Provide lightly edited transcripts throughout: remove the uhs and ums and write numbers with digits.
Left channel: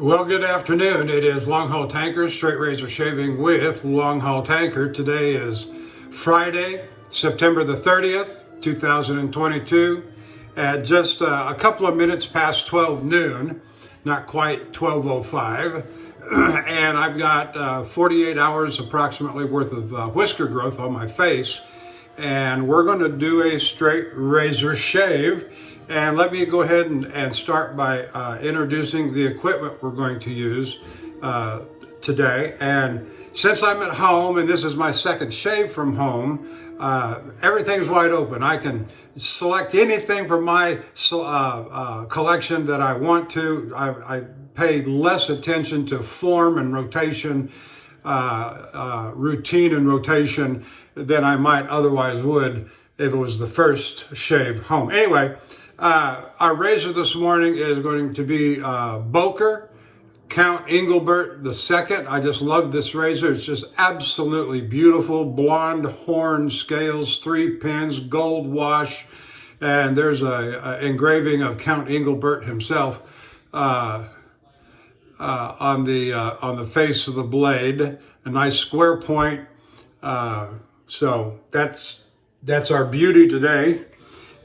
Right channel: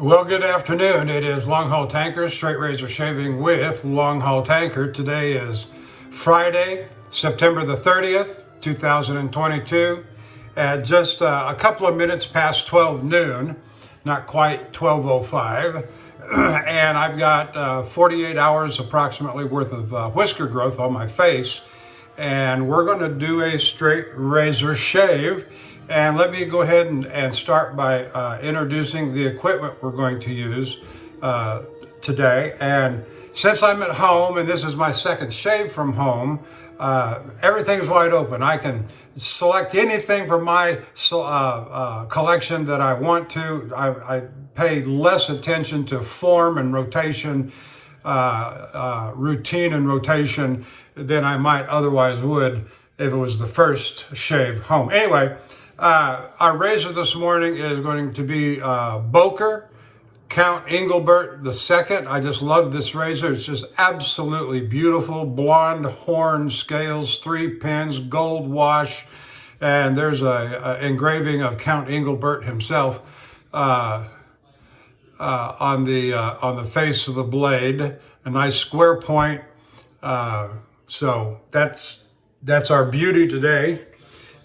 Well, good afternoon. It is Longhaultanker, straight razor shaving with Longhaultanker. Today is Friday, September the 30th, 2022, at just a couple of minutes past 12 noon, not quite 12:05. And I've got 48 hours approximately worth of whisker growth on my face. And we're going to do a straight razor shave. And let me go ahead and start by introducing the equipment we're going to use today. And since I'm at home, and this is my second shave from home, everything's wide open. I can select anything from my collection that I want to. I pay less attention to form and rotation, routine and rotation than I might otherwise would if it was the first shave home. Anyway, our razor this morning is going to be Boker, Count Engelbert II. I just love this razor. It's just absolutely beautiful. Blonde horn scales, 3 pins, gold wash, and there's a engraving of Count Engelbert himself on the face of the blade. A nice square point. So that's our beauty today.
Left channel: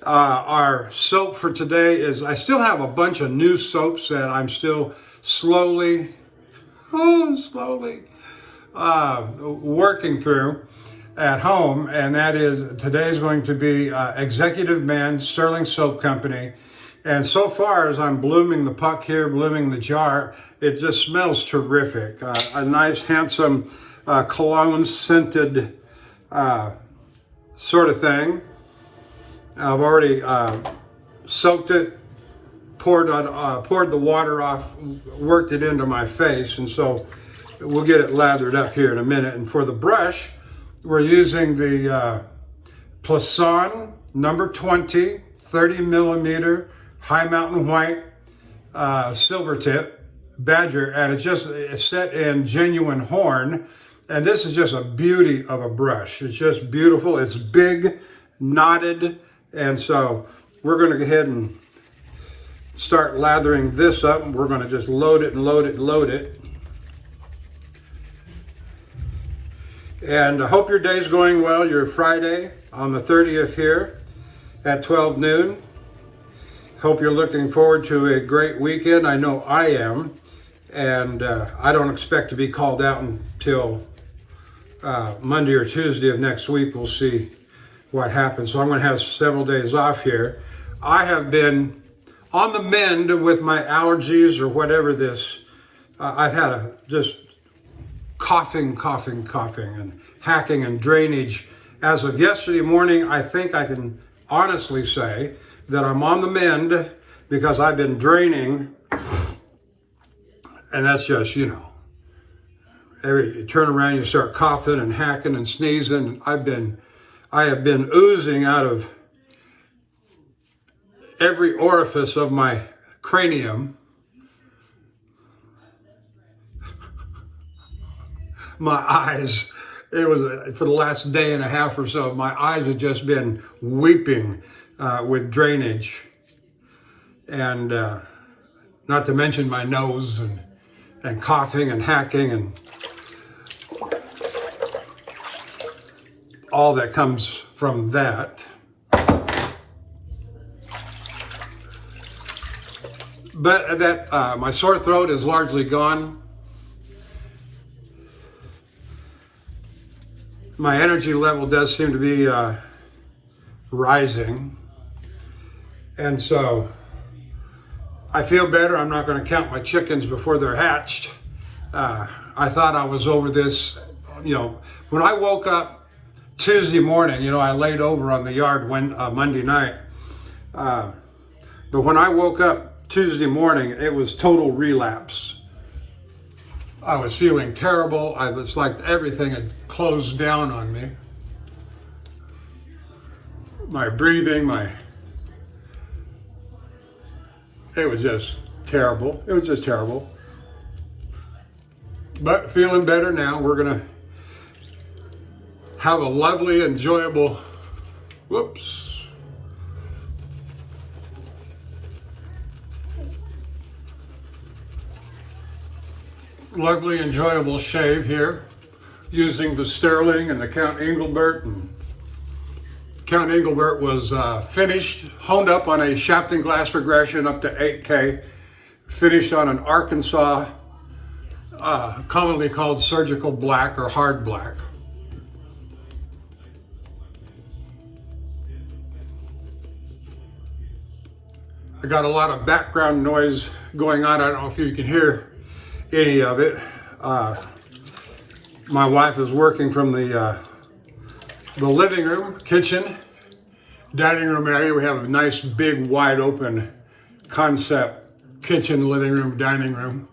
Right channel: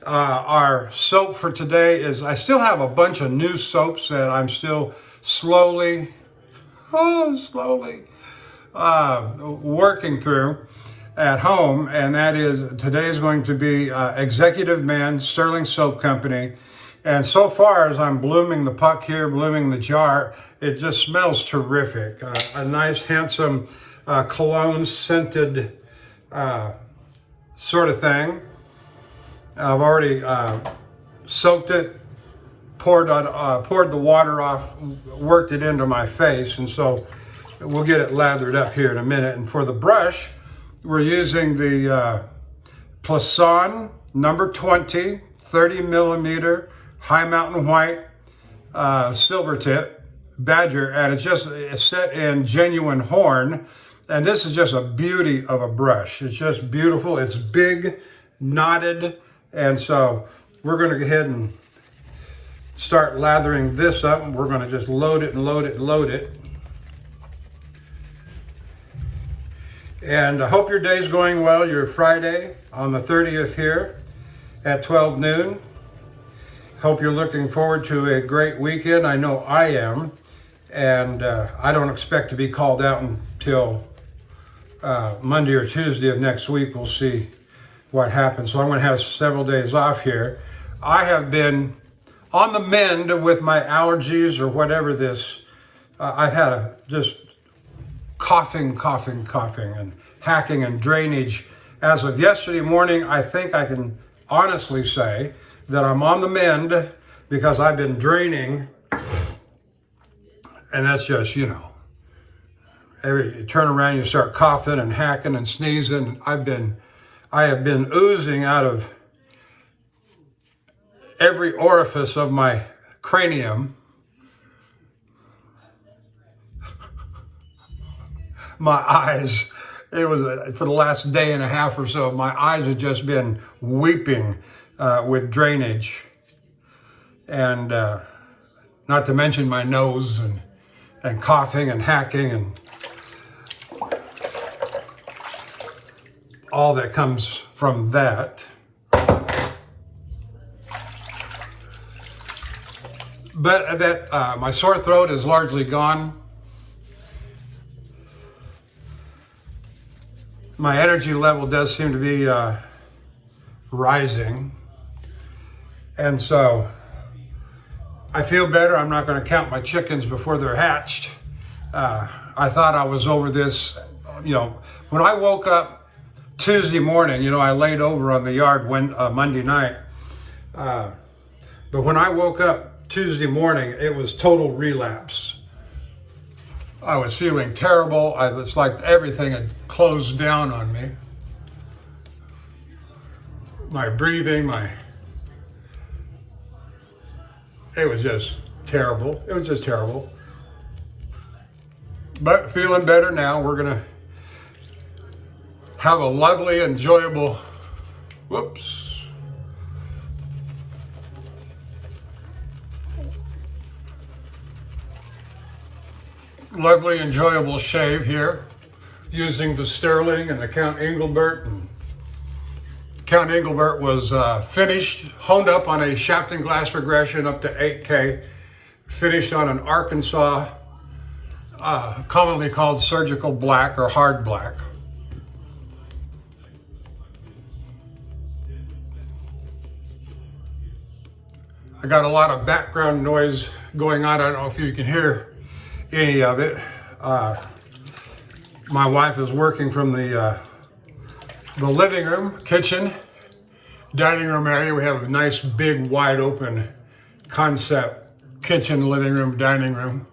Our soap for today is, I still have a bunch of new soaps that I'm still slowly working through at home. And that is, today is going to be Executive Man, Stirling Soap Company. And so far as I'm blooming the puck here, blooming the jar, it just smells terrific. A nice, handsome cologne scented sort of thing. I've already soaked it, poured the water off, worked it into my face, and so we'll get it lathered up here in a minute. And for the brush, we're using the Plisson number 20, 30 millimeter High Mountain White silver tip badger, and it's set in genuine horn. And this is just a beauty of a brush. It's just beautiful. It's big, knotted. And so we're going to go ahead and start lathering this up. We're going to just load it and load it and load it. And I hope your day's going well. You're Friday on the 30th here at 12 noon. Hope you're looking forward to a great weekend. I know I am. And I don't expect to be called out until Monday or Tuesday of next week. We'll see what happens. So I'm going to have several days off here. I have been on the mend with my allergies or whatever this. I've had just coughing, and hacking and drainage. As of yesterday morning, I think I can honestly say that I'm on the mend because I've been draining. And that's just, you turn around, you start coughing and hacking and sneezing. I have been oozing out of every orifice of my cranium. My eyes, it was for the last day and a half or so, my eyes have just been weeping with drainage. And not to mention my nose and coughing and hacking and all that comes from that. But my sore throat is largely gone. My energy level does seem to be rising. And so I feel better. I'm not going to count my chickens before they're hatched. I thought I was over this, when I woke up Tuesday morning, I laid over on the yard Monday night. But when I woke up Tuesday morning, it was total relapse. I was feeling terrible. It's like everything had closed down on me. My breathing, it was just terrible. It was just terrible. But feeling better now. We're going to have a lovely, enjoyable, lovely, enjoyable shave here using the Stirling and the Count Engelbert. And Count Engelbert was finished, honed up on a Shafting glass progression up to 8K, finished on an Arkansas, commonly called surgical black or hard black. I got a lot of background noise going on. I don't know if you can hear any of it. My wife is working from the living room, kitchen, dining room area. We have a nice, big, wide open concept kitchen, living room, dining room.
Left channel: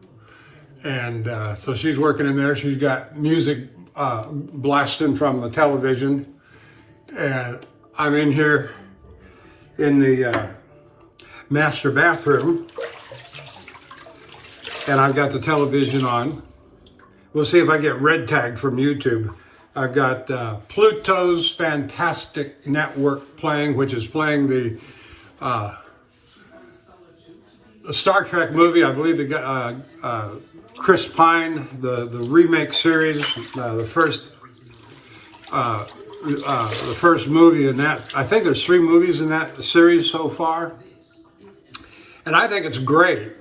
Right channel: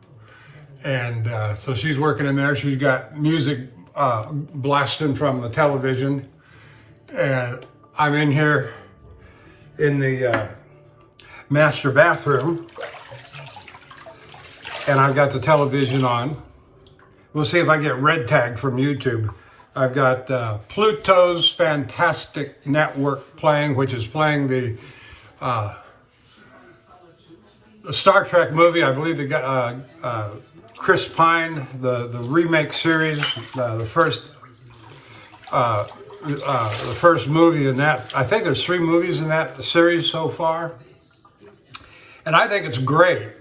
And so she's working in there. She's got music blasting from the television. And I'm in here in the master bathroom. And I've got the television on. We'll see if I get red tagged from YouTube. I've got Pluto's Fantastic Network playing, which is playing the Star Trek movie. I believe they got Chris Pine, the remake series, the first movie in that. I think there's 3 movies in that series so far, and I think it's great.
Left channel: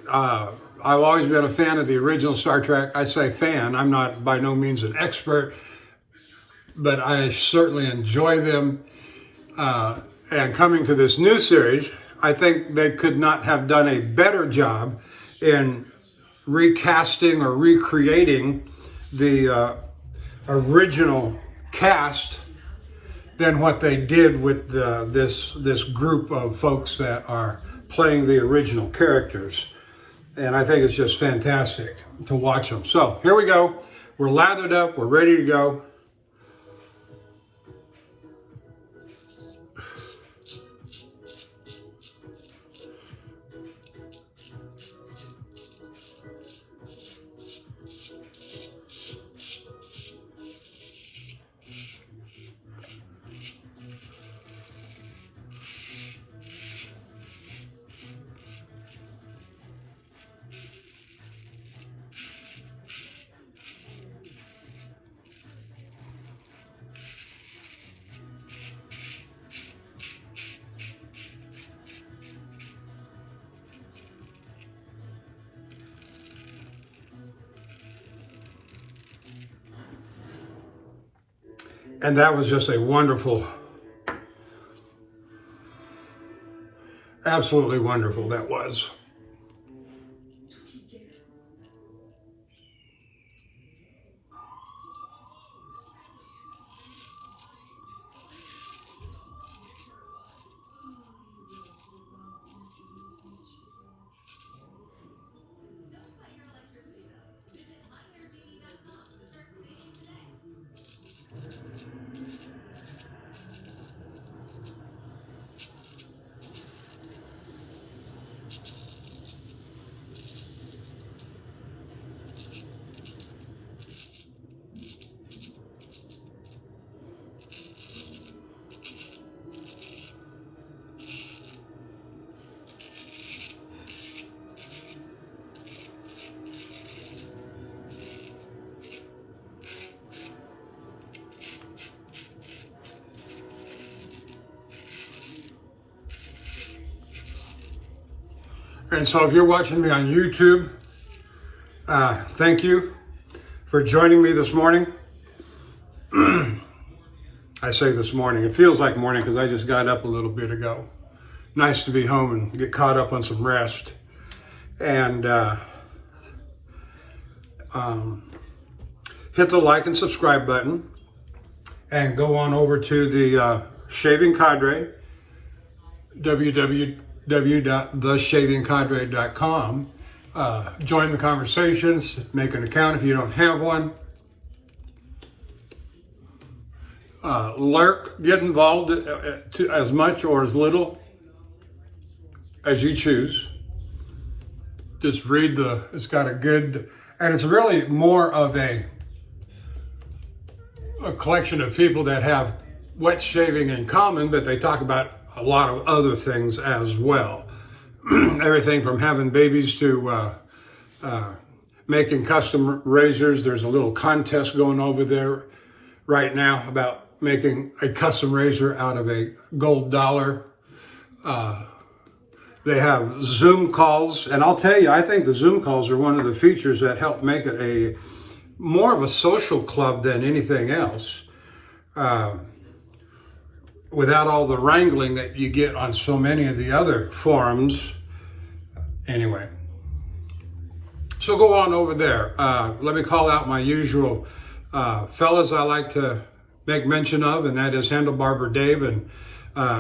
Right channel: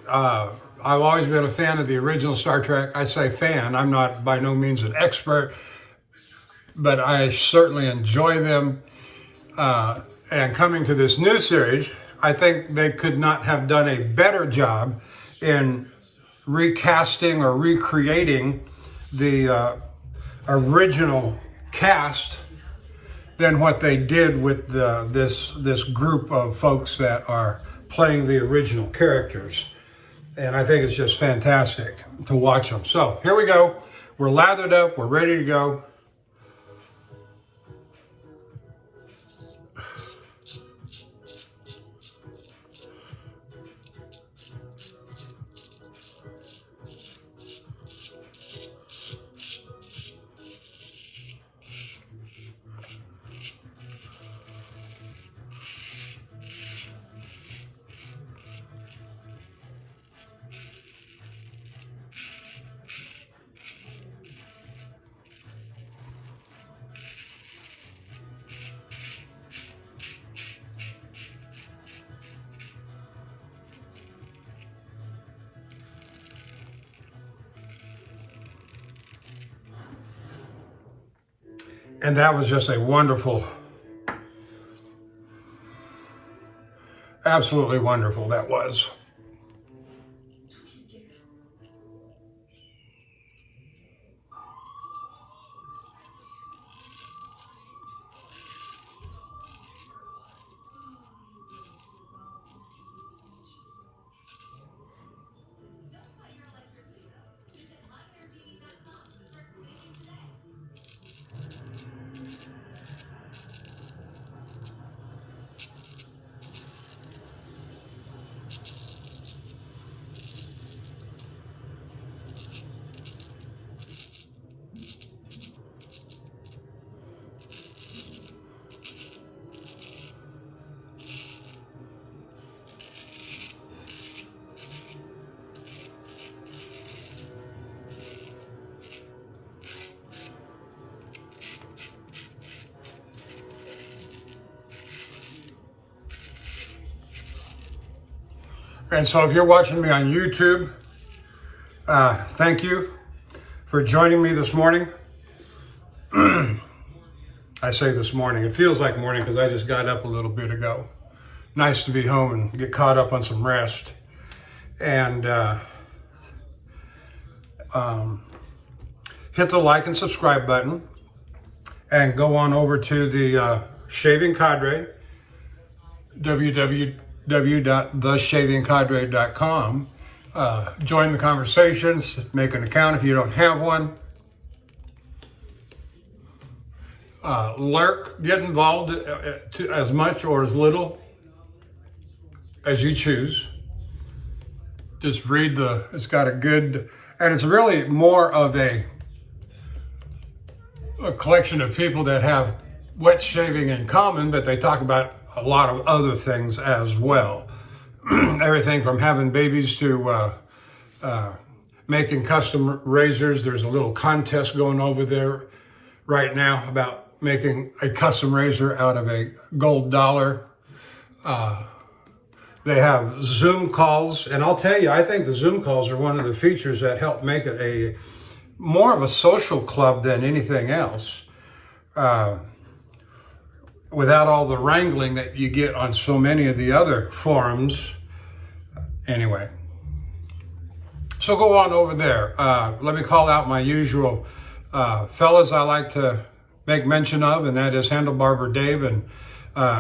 I've always been a fan of the original Star Trek. I say fan. I'm not by no means an expert, but I certainly enjoy them. And coming to this new series, I think they could not have done a better job in recasting or recreating the original cast than what they did with this group of folks that are playing the original characters. And I think it's just fantastic to watch them. So here we go. We're lathered up. We're ready to go. And that was just a wonderful, absolutely wonderful that was. And so if you're watching me on YouTube, thank you for joining me this morning. I say this morning, it feels like morning because I just got up a little bit ago. Nice to be home and get caught up on some rest. And hit the like and subscribe button and go on over to the Shaving Cadre, www.theshavingcadre.com. Join the conversations, make an account if you don't have one. Lurk, get involved as much or as little as you choose. Just read it's got a good, and it's really more of a collection of people that have wet shaving in common, but they talk about a lot of other things as well. Everything from having babies to making custom razors. There's a little contest going over there right now about making a custom razor out of a gold dollar. They have Zoom calls, and I'll tell you, I think the Zoom calls are one of the features that help make it a more of a social club than anything else, without all the wrangling that you get on so many of the other forums. Anyway, so go on over there. Let me call out my usual fellas I like to make mention of, and that is Handlebarber Dave and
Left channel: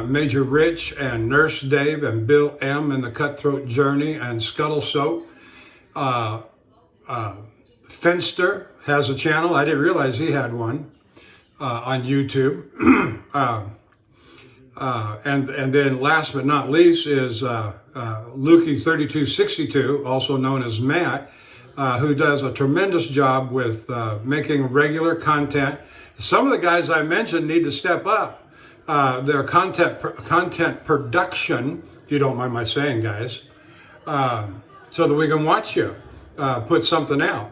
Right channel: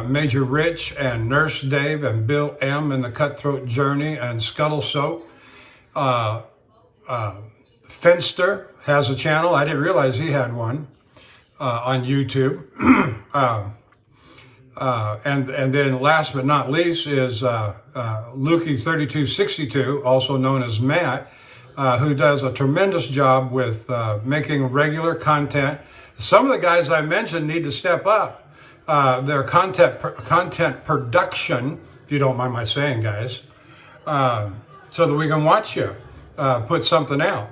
Major Rich and Nurse Dave and Bill M. and the Cutthroat Journey and Scuttle Soap. Fenster has a channel. I didn't realize he had one on YouTube. And then last but not least is Lukey3262, also known as Matt, who does a tremendous job with making regular content. Some of the guys I mentioned need to step up their content production, if you don't mind my saying, guys, so that we can watch you put something out.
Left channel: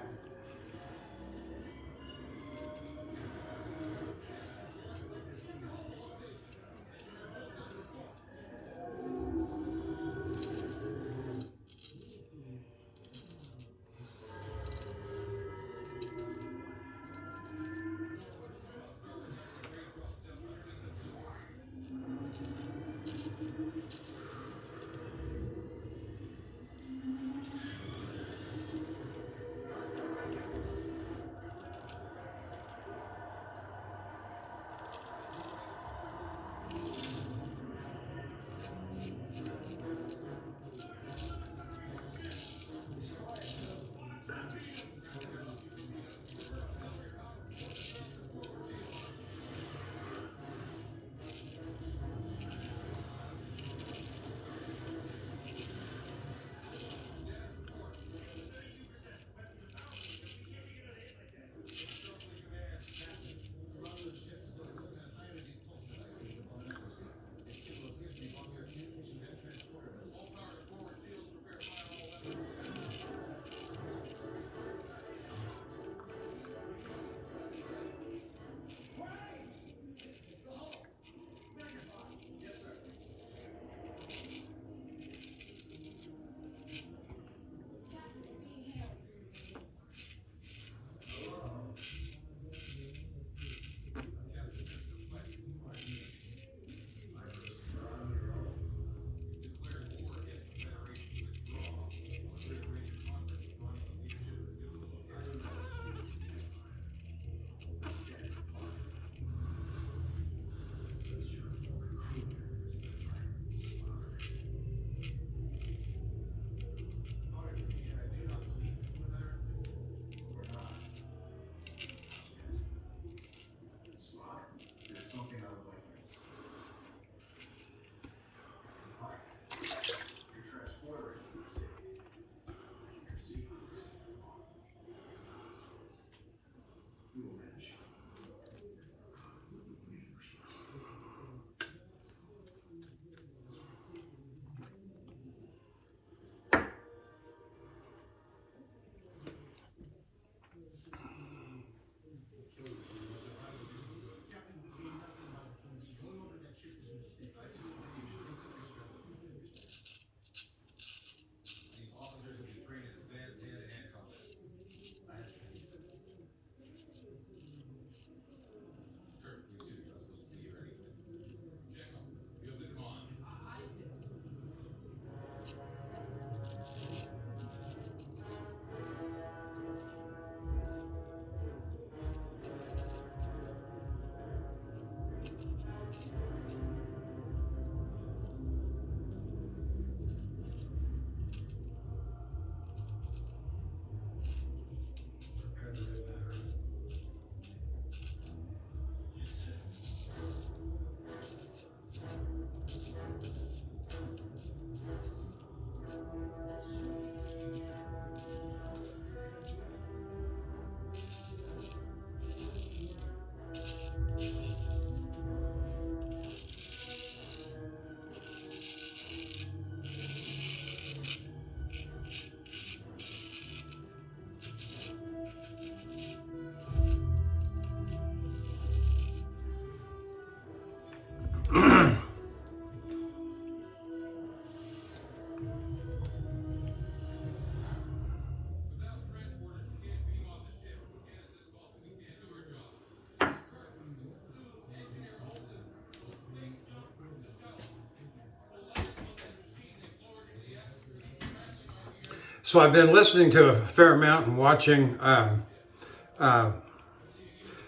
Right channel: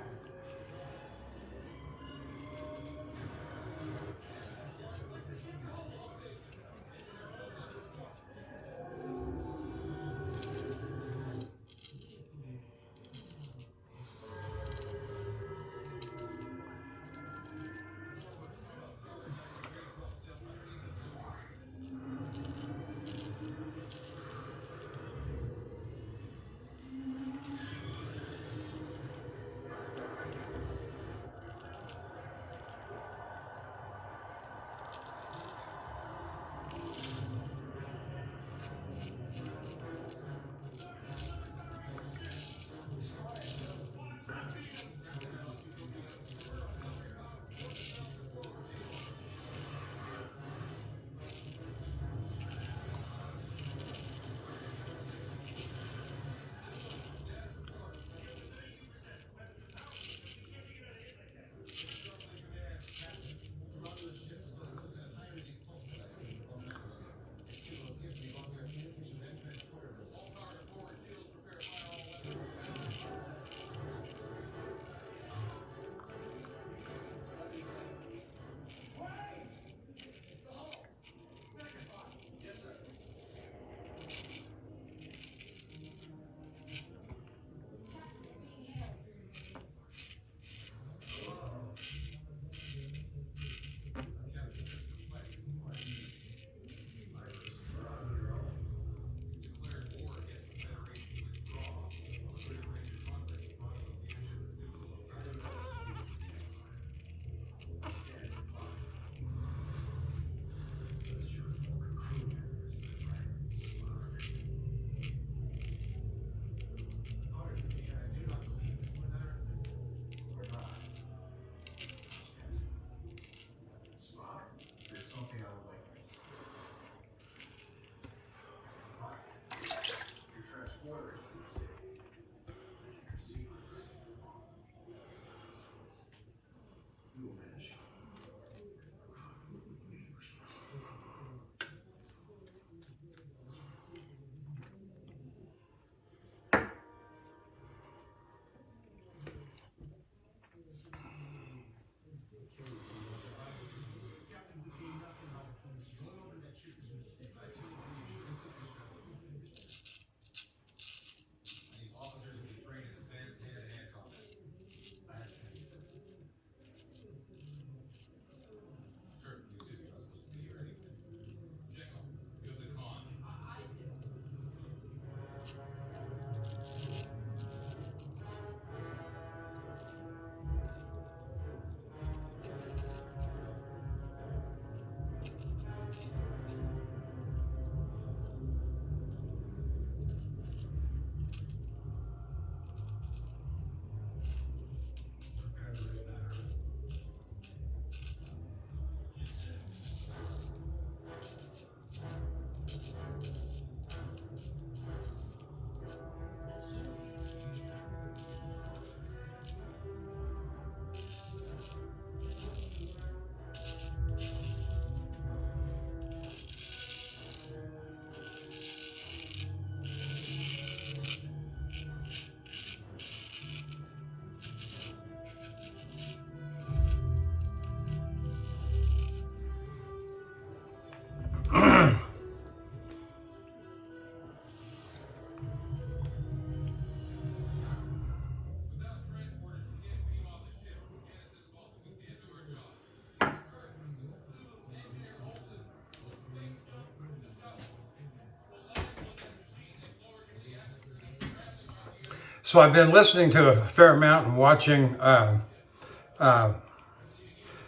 So I've been listening to a fair amount and watching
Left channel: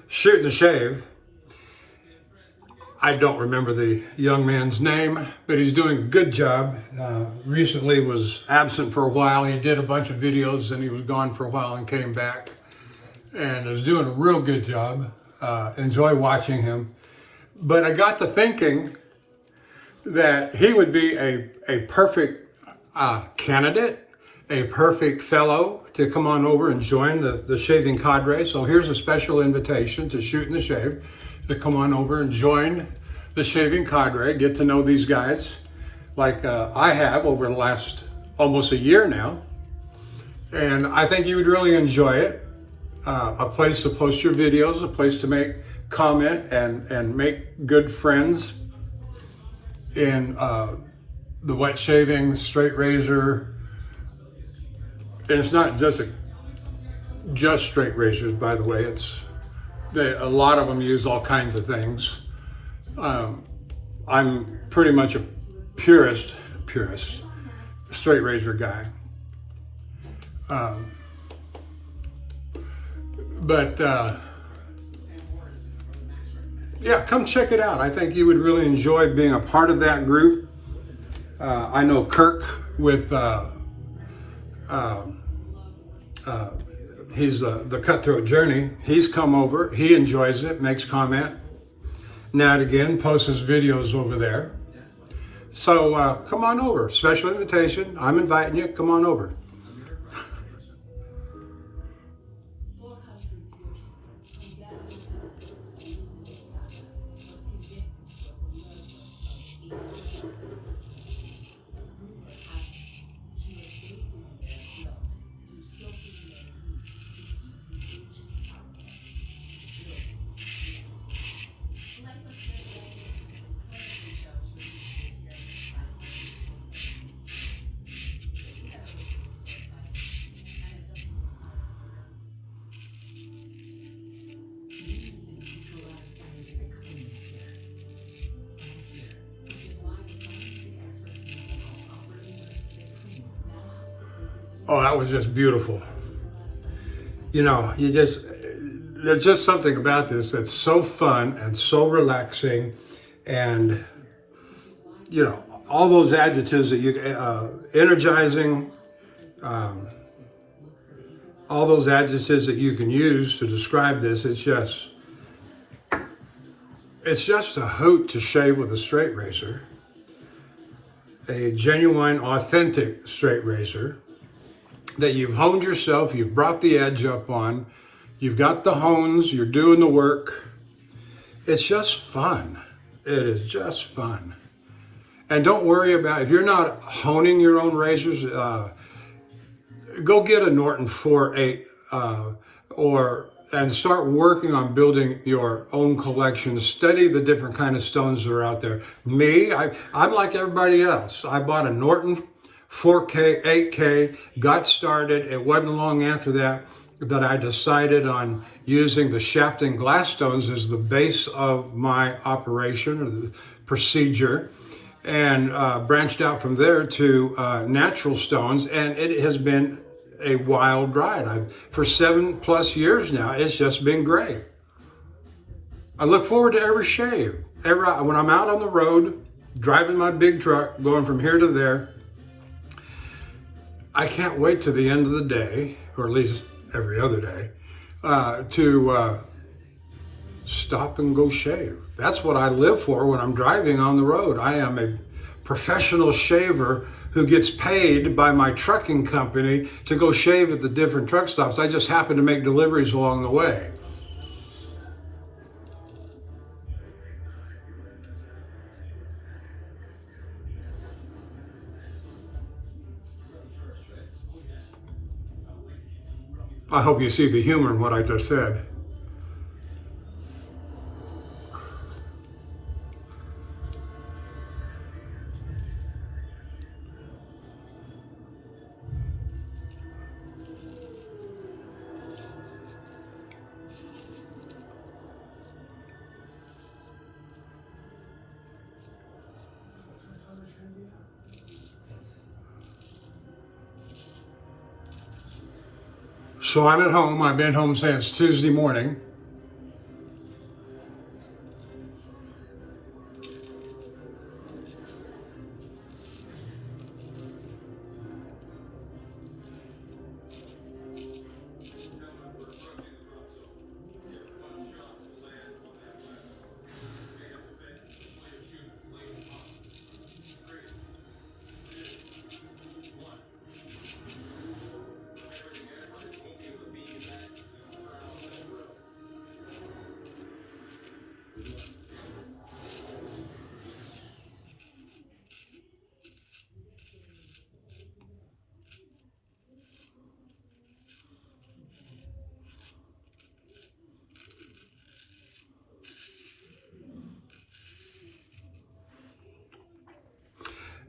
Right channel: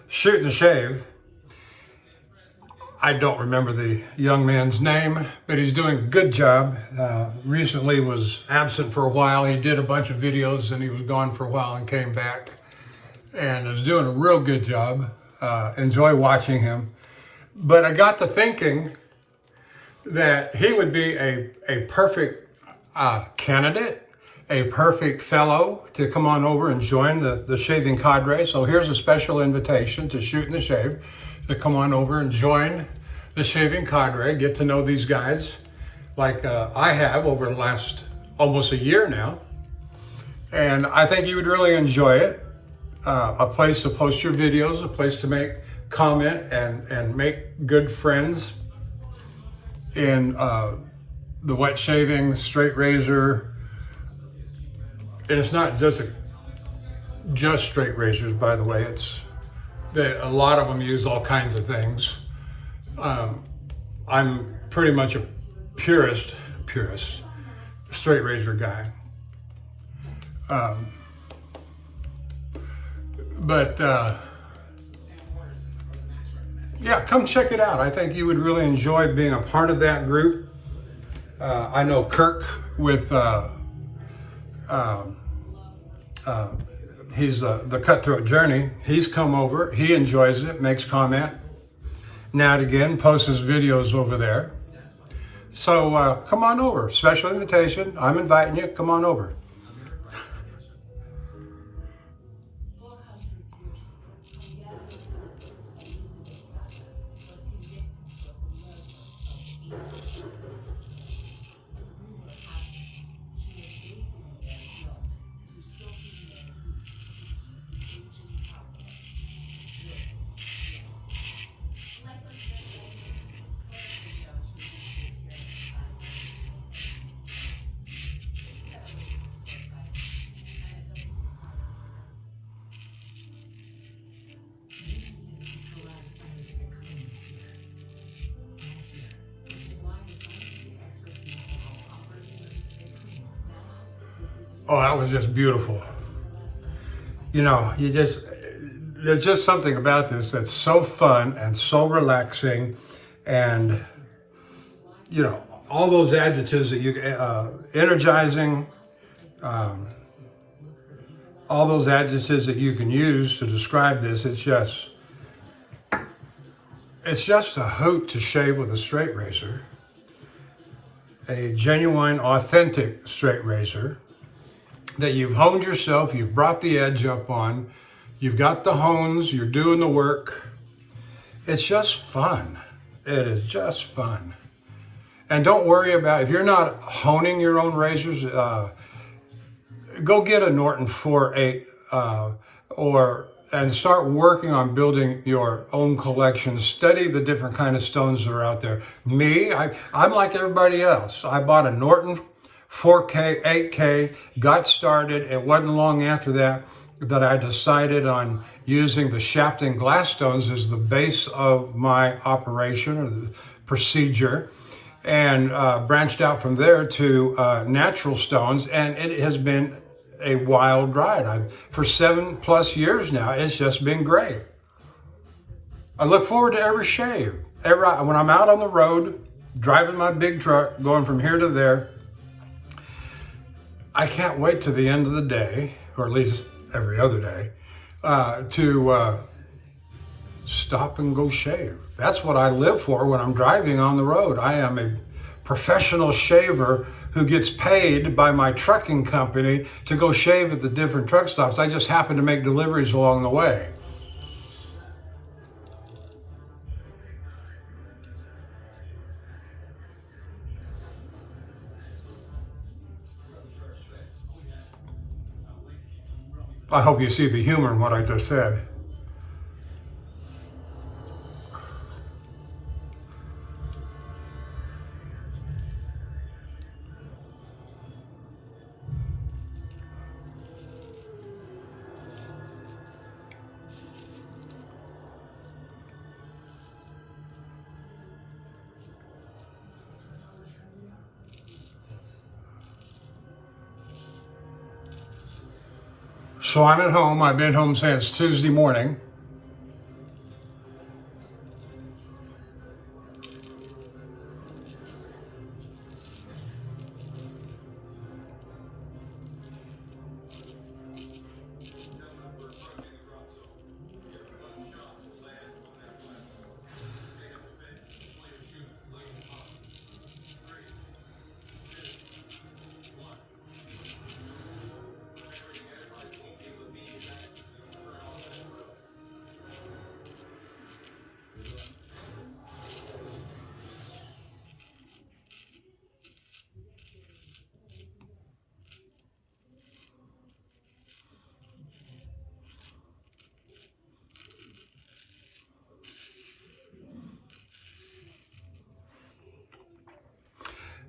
Shoot and Shave. I don't remember the young man's name, but he's doing a good job. Recently was absent for a while. He did a bunch of videos and he was gone for a while and came back and is doing a real good job. Enjoy watching him. But I got to thinking that he would be a perfect candidate, a perfect fellow to come on over and join the shaving cadre. So here's a special invitation to Shoot and Shave to come on over and join the shaving cadre, get to know these guys like I have over the last almost a year now. And I think you would really enjoy it. A place to post your videos, a place to make comment and make good friends in the wet shaving, straight razor. And it's not just straight razors, by the way. A lot of them use all kinds of things. I'm pretty much a purist straight razor guy. Yeah, come check it out. I think you would really enjoy being a part of that group. I know Kirk with he's the Cutthroat Journey. He's come over. He enjoys it, makes comment. Now and again, posts his videos over there. So come on over. Special invitation. I'm inviting you. Come on over. Oh, that was just beautiful. You know, there's just something about this that's so fun and so relaxing, and, you know, all those adjectives that energizing, all those adjectives that you can use to describe this, it's just a hoot to shave with a straight razor, a genuine, authentic straight razor that you've honed yourself, you've brought the edge up on, you've got the hones, you're doing the work. It's just fun. It is just fun. And don't worry about, if you're not honing your own razors, go get a Norton 4.8 and start working on building your own collection. Study the different kind of stones that are out there. Me, I'm like everybody else. I bought a Norton 4K, 8K, got started. It wasn't long after that I decided on using the shafting glass stones as the base of my operation or the procedure, and branched out from there to natural stones, and it has been a wild ride. For 7+ years now, it's just been great. I look forward to every shave. When I'm out on the road, driving my big truck, going from here to there, I can't wait to the end of the day, or at least every other day, to stop and go shave. That's what I live for when I'm driving on the road. I am a professional shaver who gets paid by my trucking company to go shave at the different truck stops. I just happen to make deliveries along the way. I hope you see the humor in what I just said. So I'm at home. I've been home since Tuesday morning.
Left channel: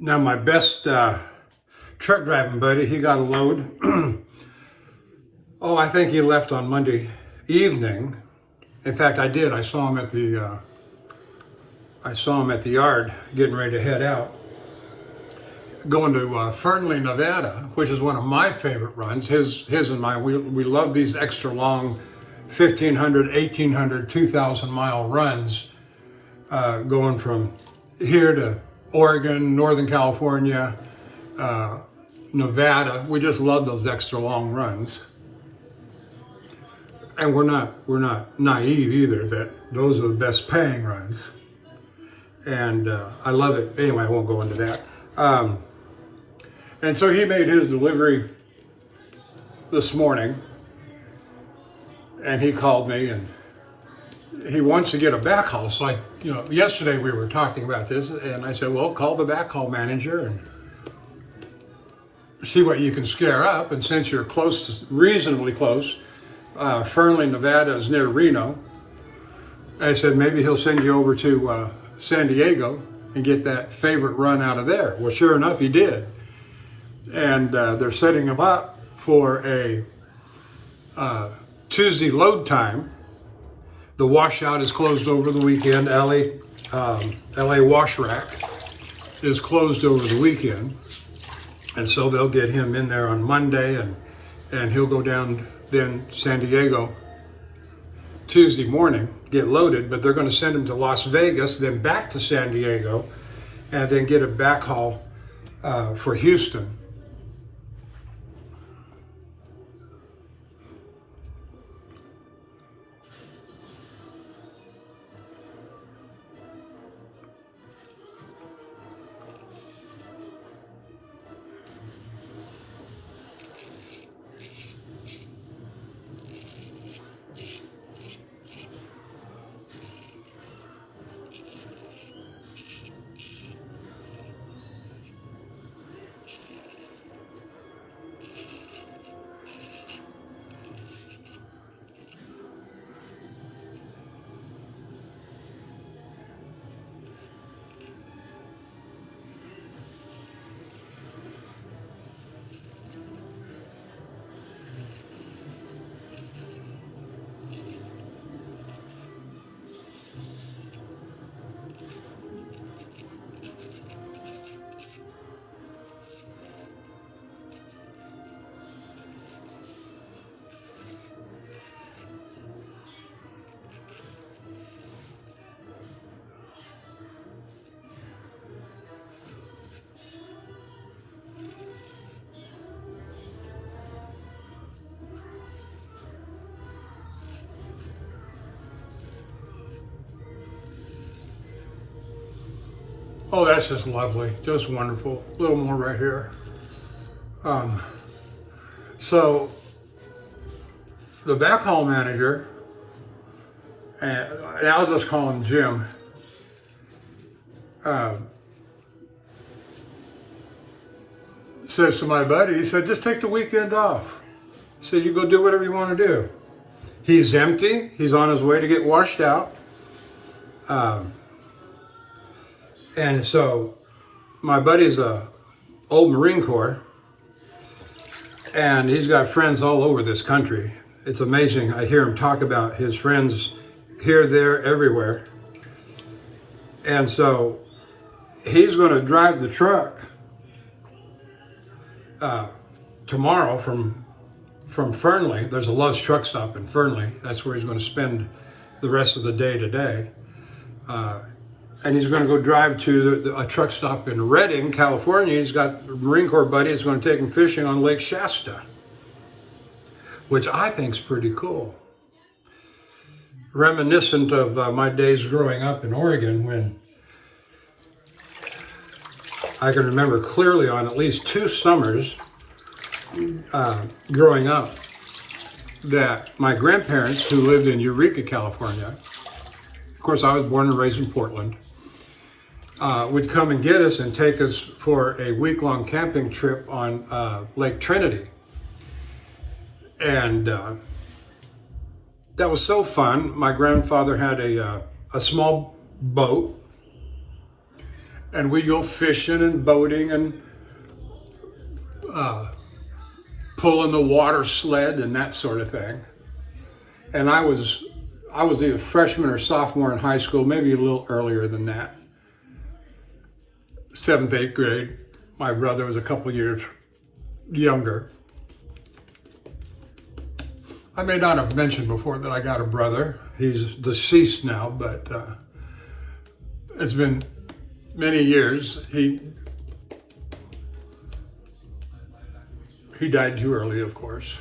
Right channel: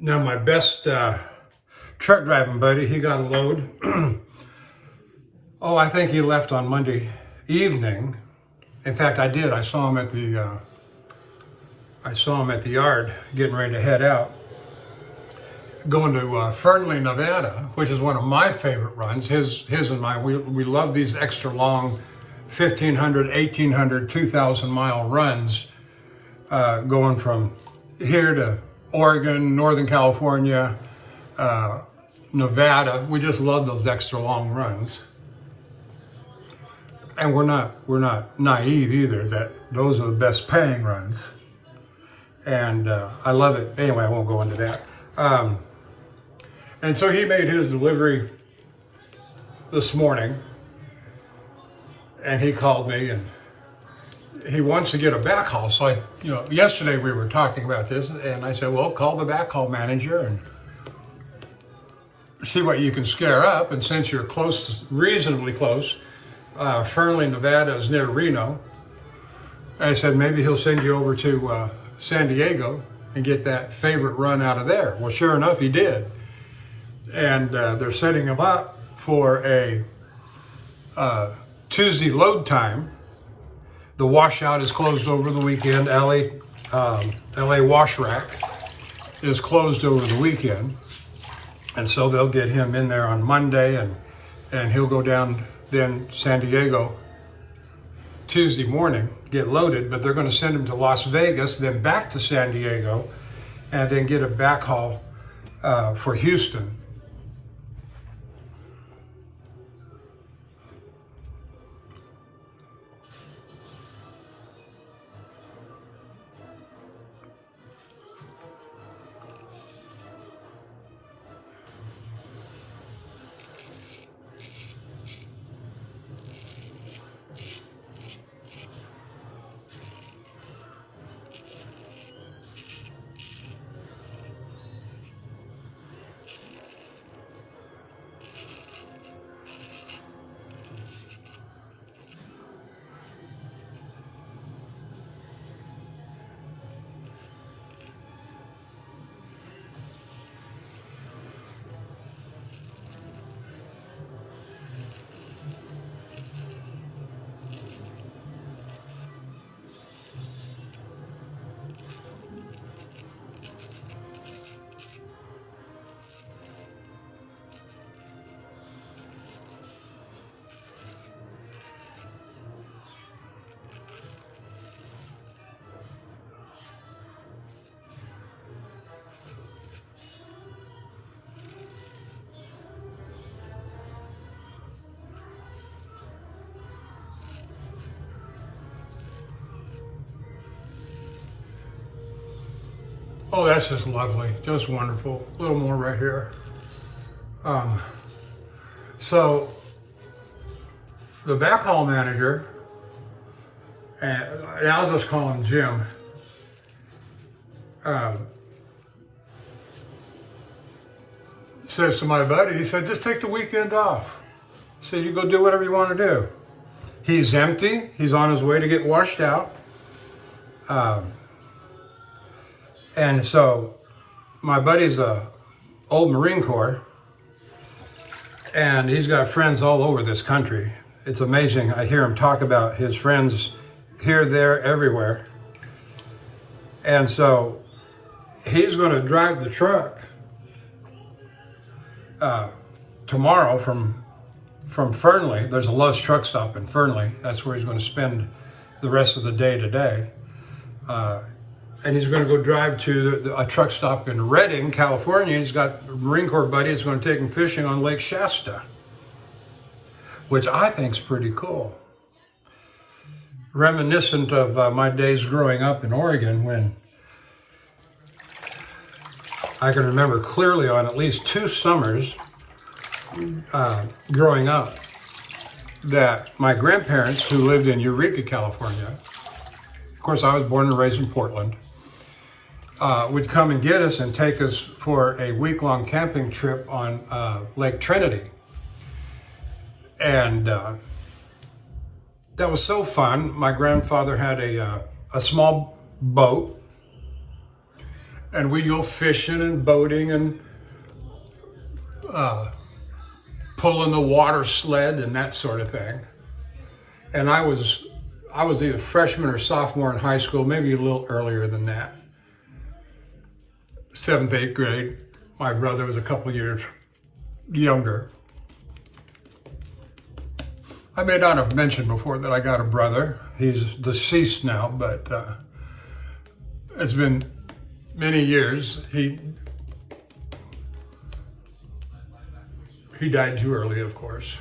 Now my best truck driving buddy, he got a load. Oh, I think he left on Monday evening. In fact, I did. I saw him at the yard getting ready to head out, going to Fernley, Nevada, which is one of my favorite runs. His and mine. We love these extra long 1,500, 1,800, 2,000 mile runs, going from here to Oregon, Northern California, Nevada. We just love those extra long runs. And we're not naive either that those are the best paying runs. And I love it. Anyway, I won't go into that. And so he made his delivery this morning, and he called me, and he wants to get a backhaul. So yesterday we were talking about this, and I said, well, call the backhaul manager and see what you can scare up. And since you're reasonably close, Fernley, Nevada is near Reno. I said, maybe he'll send you over to San Diego and get that favorite run out of there. Well, sure enough, he did. And they're setting him up for a Tuesday load time. The washout is closed over the weekend. LA Wash Rack is closed over the weekend. And so they'll get him in there on Monday, and he'll go down then San Diego Tuesday morning, get loaded, but they're going to send him to Las Vegas, then back to San Diego, and then get a backhaul for Houston. Oh, that's just lovely, just wonderful. A little more right here. So the backhaul manager, and I'll just call him Jim, says to my buddy, he said, just take the weekend off. He said, you go do whatever you want to do. He's empty. He's on his way to get washed out. And so my buddy's a old Marine Corps, and he's got friends all over this country. It's amazing. I hear him talk about his friends here, there, everywhere. And so he's going to drive the truck tomorrow from from Fernley. There's a Love's truck stop in Fernley. That's where he's going to spend the rest of the day today. And he's going to go drive to a truck stop in Redding, California. He's got a Marine Corps buddy who's going to take him fishing on Lake Shasta, which I think is pretty cool. Reminiscent of my days growing up in Oregon, when I can remember clearly on at least 2 summers growing up that my grandparents, who lived in Eureka, California, of course I was born and raised in Portland, would come and get us and take us for a week-long camping trip on Lake Trinity. And that was so fun. My grandfather had a small boat, and we'd go fishing and boating and pulling the water sled and that sort of thing. And I was either freshman or sophomore in high school, maybe a little earlier than that. 7th, 8th grade. My brother was a couple years younger. I may not have mentioned before that I got a brother. He's deceased now, but it's been many years. He died too early, of course.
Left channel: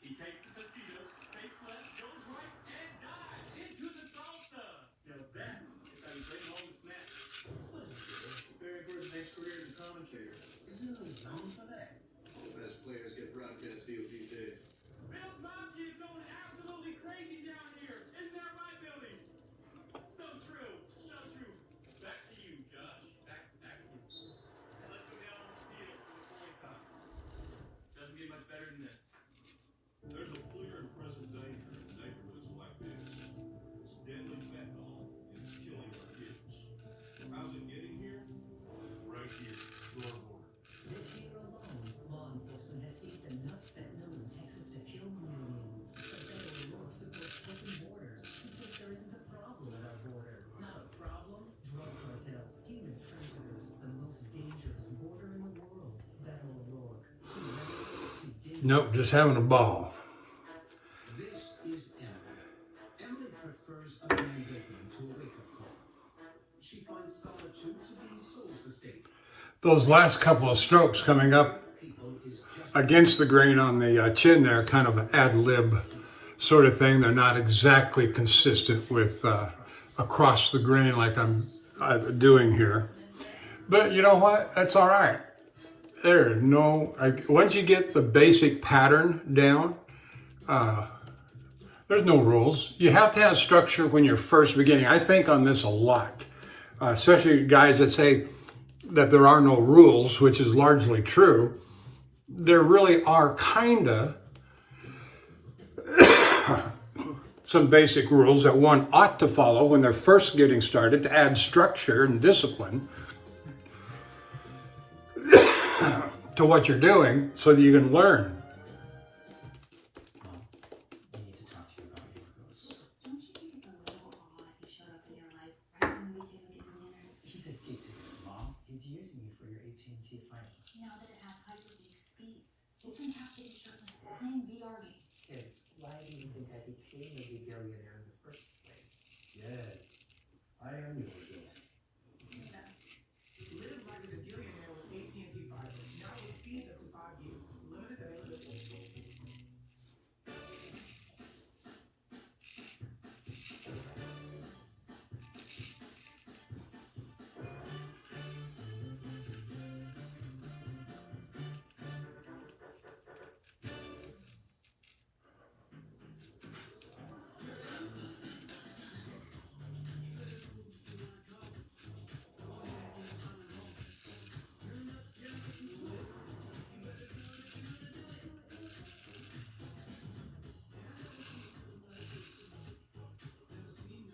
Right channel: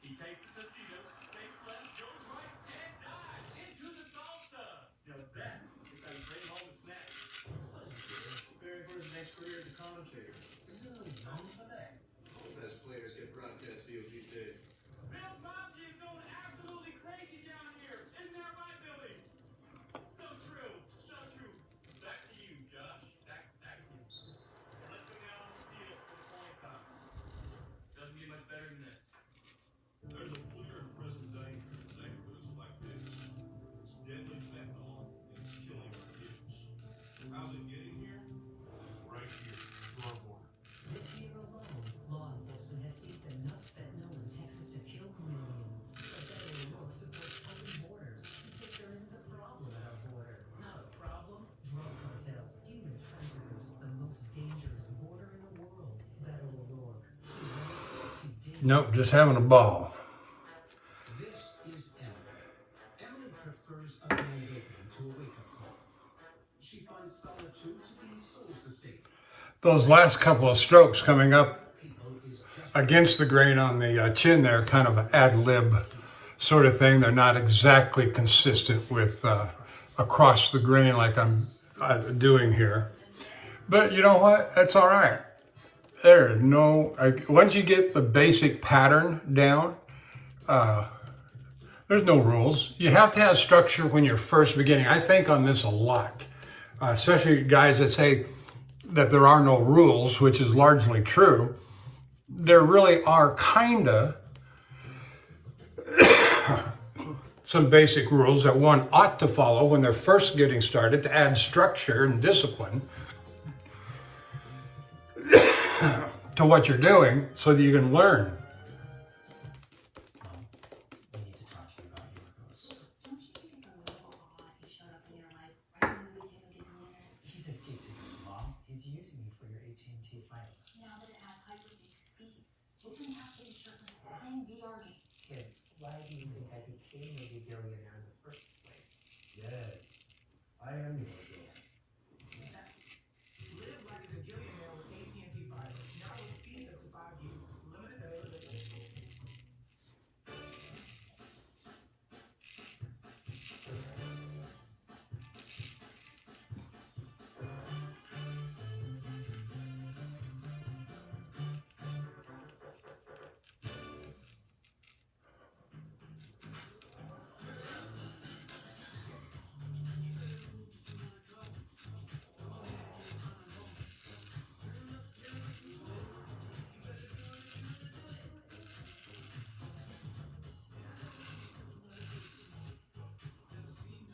He takes the mosquitoes, takes left, goes right, and dives into the salsa. Now that is how you bring home the snacks. Preparing for his next career as a commentator. Isn't there a zone for that? The best players get broadcast deals these days. Bill's Monkey is going absolutely crazy down here. Isn't that right, Billy? So true. So true. Back to you, Josh. Back to you. Let's go down on the field for the coin toss. Doesn't get much better than this. There's a clear and present danger in neighborhoods like this. It's deadly fentanyl and it's killing our kids. How's it getting here? Right here, to our border. This year alone, law enforcement has seized enough fentanyl in Texas to kill millions. The federal law supports open borders because there isn't a problem at our border. Not a problem. Drug cartels, human traffickers, the most dangerous border in the world. Beto O'Rourke. Nope, just having a ball. This is Emily. Emily prefers ordinary bedroom to a wake-up call. She finds solitude to be soul-sustaining. Those last couple of strokes coming up against the grain on the chin there, kind of an ad-lib sort of thing. They're not exactly consistent with across the grain like I'm doing here. But you know what? That's all right. There's no, once you get the basic pattern down, There's no rules. You have to have structure when you're first beginning. I think on this a lot, especially guys that say that there are no rules, which is largely true. There really are kinda some basic rules that one ought to follow when they're first getting started to add structure and discipline to what you're doing so that you can learn. We need to talk to you about your rules. Don't you think it's a little odd he showed up in your life right when we became a given winner? He's a gig to you, Mom. He's using you for your AT&T fighting. Now that it has hyper-big speeds, he's gonna have to be shirtless playing VR games. Kids, why do you think I became a big billionaire in the first place? Yes, I am your girl. Live like a billionaire with AT&T Fiber. Now with speeds up to 5 gigs. Limited availability.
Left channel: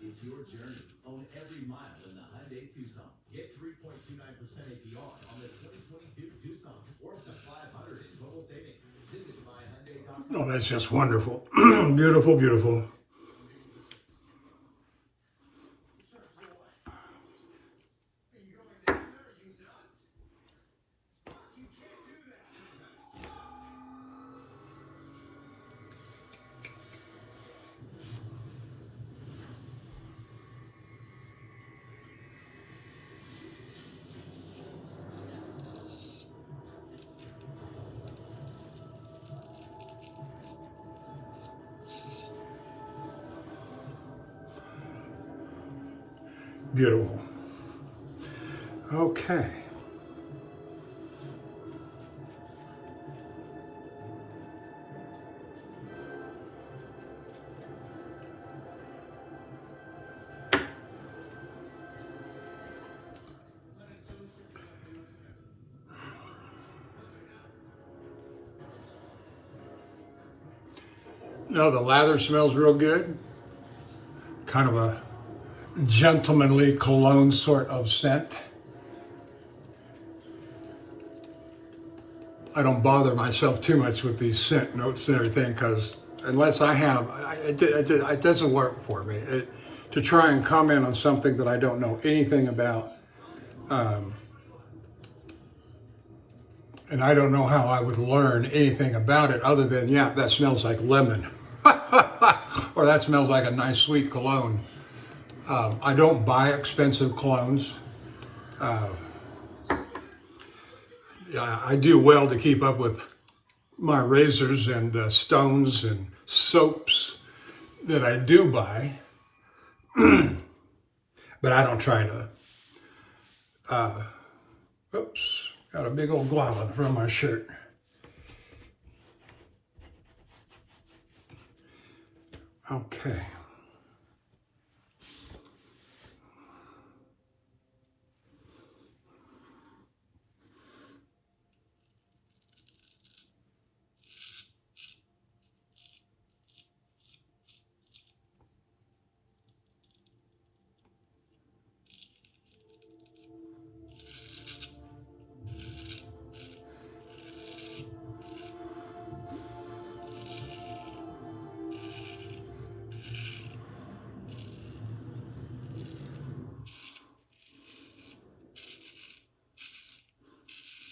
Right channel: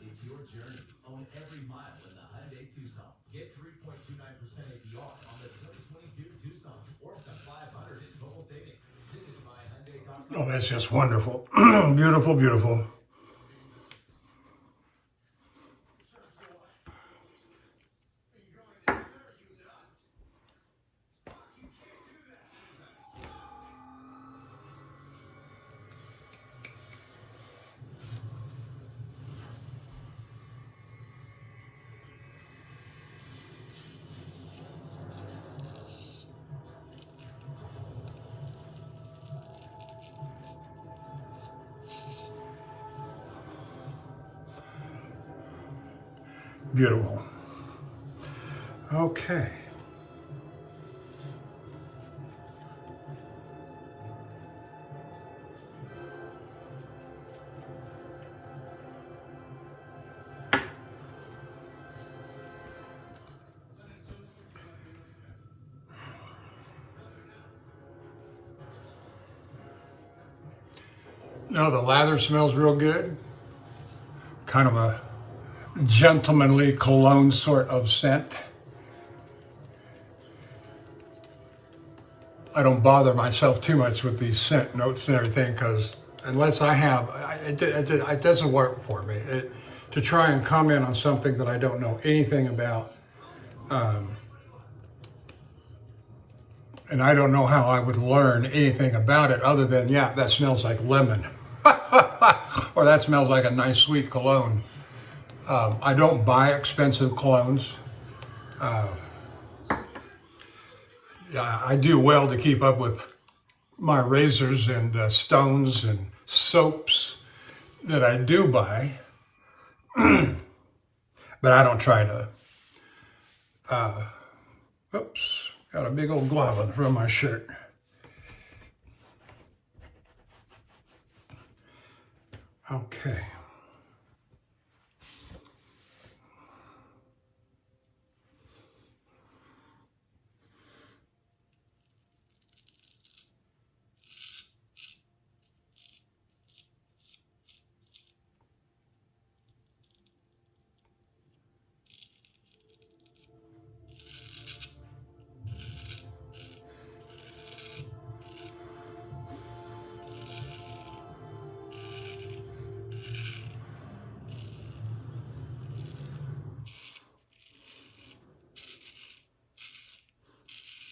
It's your journey. Own every mile in the Hyundai Tucson. Get 3.29% APR on the 2022 Tucson or up to $500 in total savings. Visit myhyundai.com. Oh, that's just wonderful. Beautiful, beautiful. Beautiful. Okay. No, the lather smells real good. Kind of a gentlemanly cologne sort of scent. I don't bother myself too much with these scent notes and everything because unless I have, it doesn't work for me. To try and comment on something that I don't know anything about, and I don't know how I would learn anything about it other than, yeah, that smells like lemon. Or that smells like a nice sweet cologne. I don't buy expensive colognes. I do well to keep up with my razors and stones and soaps that I do buy. But I don't try to, oops, got a big old glob on the front of my shirt. Okay.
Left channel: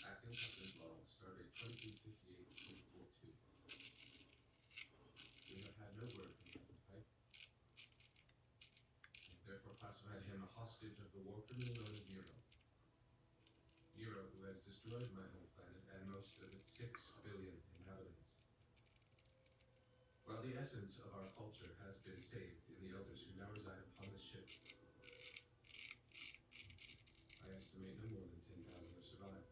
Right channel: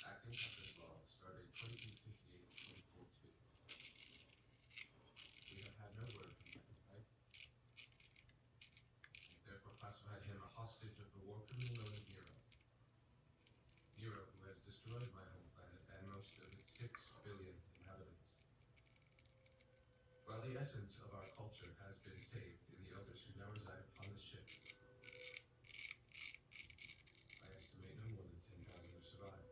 Acting Captain Law started 2058-2042. We have had no word from him, right? And therefore classified him a hostage of the war criminal known as Nero. Nero, who has destroyed my home planet and most of its 6 billion inhabitants. While the essence of our culture has been saved in the elders who now reside upon the ship, I estimate no more than 10,000 have survived.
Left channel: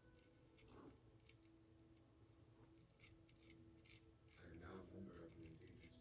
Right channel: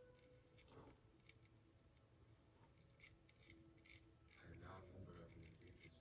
And now a member of the endangered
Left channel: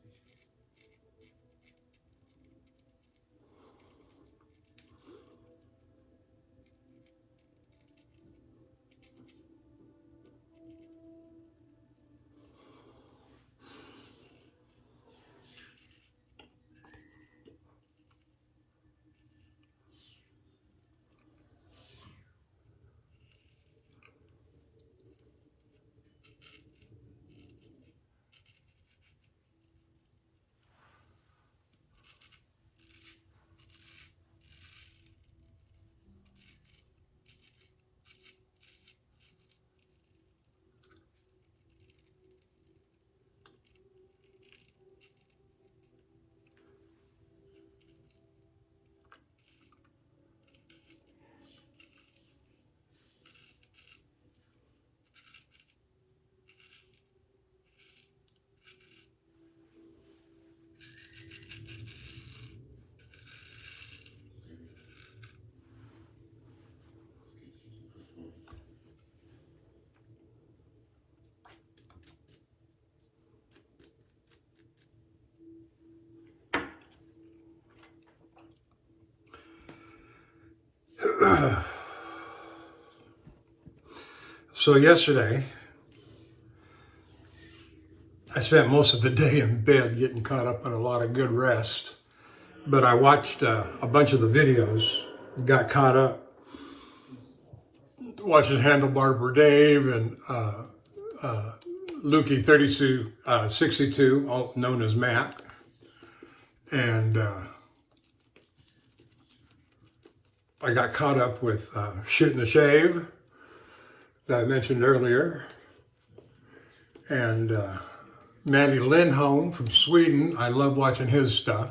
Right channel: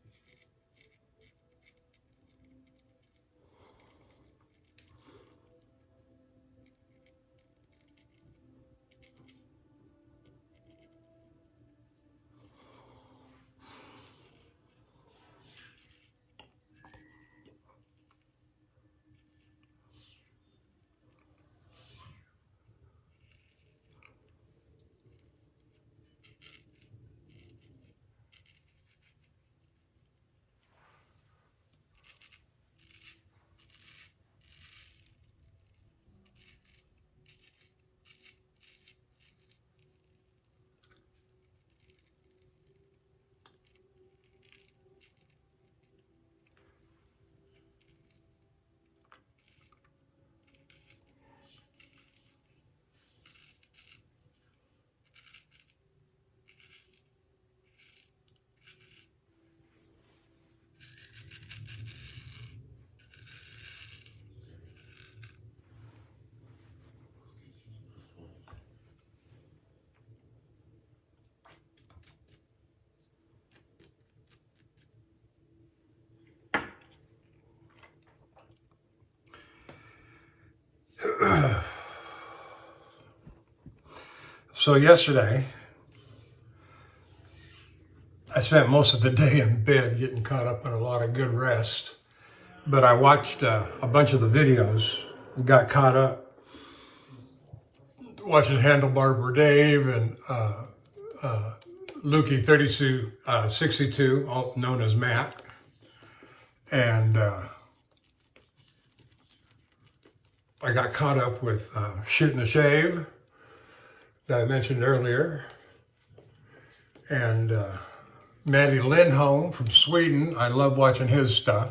So yesterday, I spent most of the day in bed getting caught up in a lot of good rest. But I watched a bunch of the videos, got caught up watching Handlebar for Dave and Lukey 3262, all known as Matt. And I got caught up with Shooting the Shave that I mentioned earlier. And Maddie Lindholm from Sweden, I love watching his stuff.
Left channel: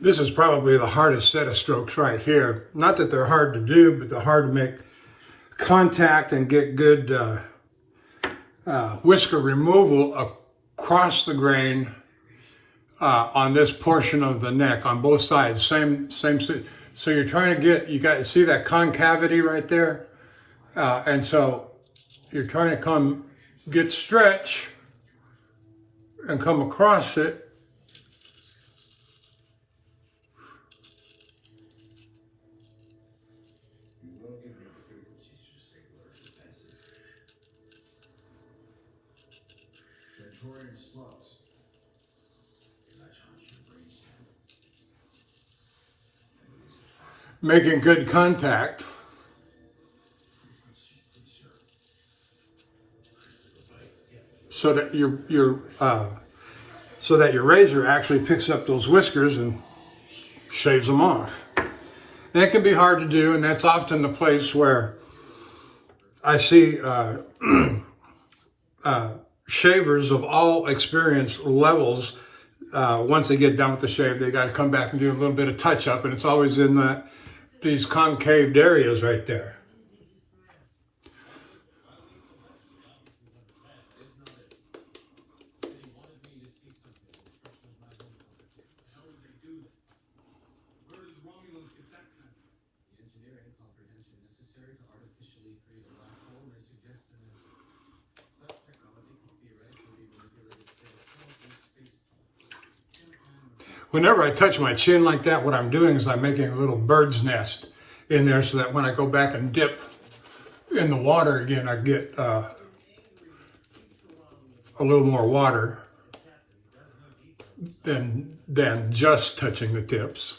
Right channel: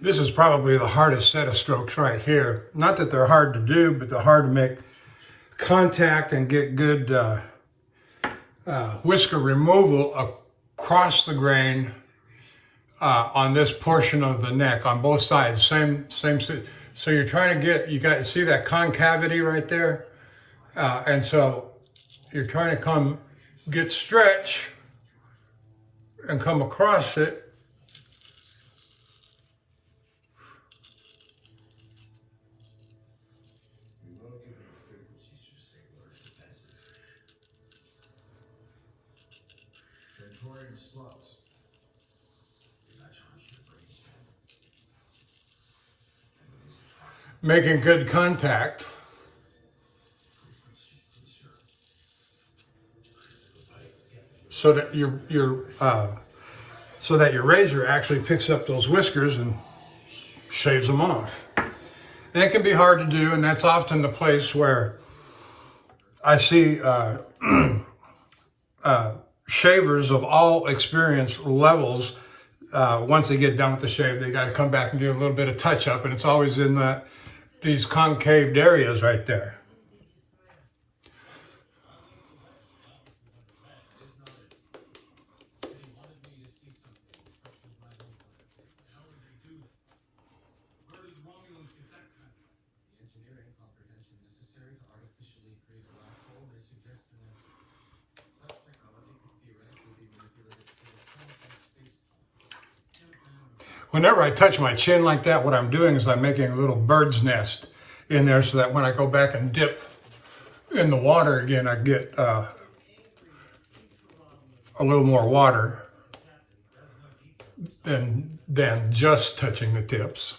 This is probably the hardest set of strokes right here. Not that they're hard to do, but they're hard to make contact and get good whisker removal across the grain on this portion of the neck on both sides. Same. So you're trying to get, see that concavity right there? And so you're trying to get stretch and come across it. Making good contact. So that your razor actually picks up those whiskers and shaves them off. And it can be hard to do, and that's often the place where I see shavers of all experience levels. Once they get done with the shave, they got to come back and do a little bit of touch up, and it's always in these concaved areas right there. Whenever I touch my chin like that, what I'm doing is I'm making a little bird's nest in there so that when I go back and dip in the water again, I get a little more water than just touching the tips.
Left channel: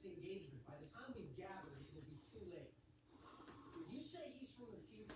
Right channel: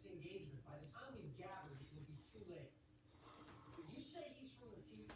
Engagement. By the time we gather, it will be too late. You say he's from the future.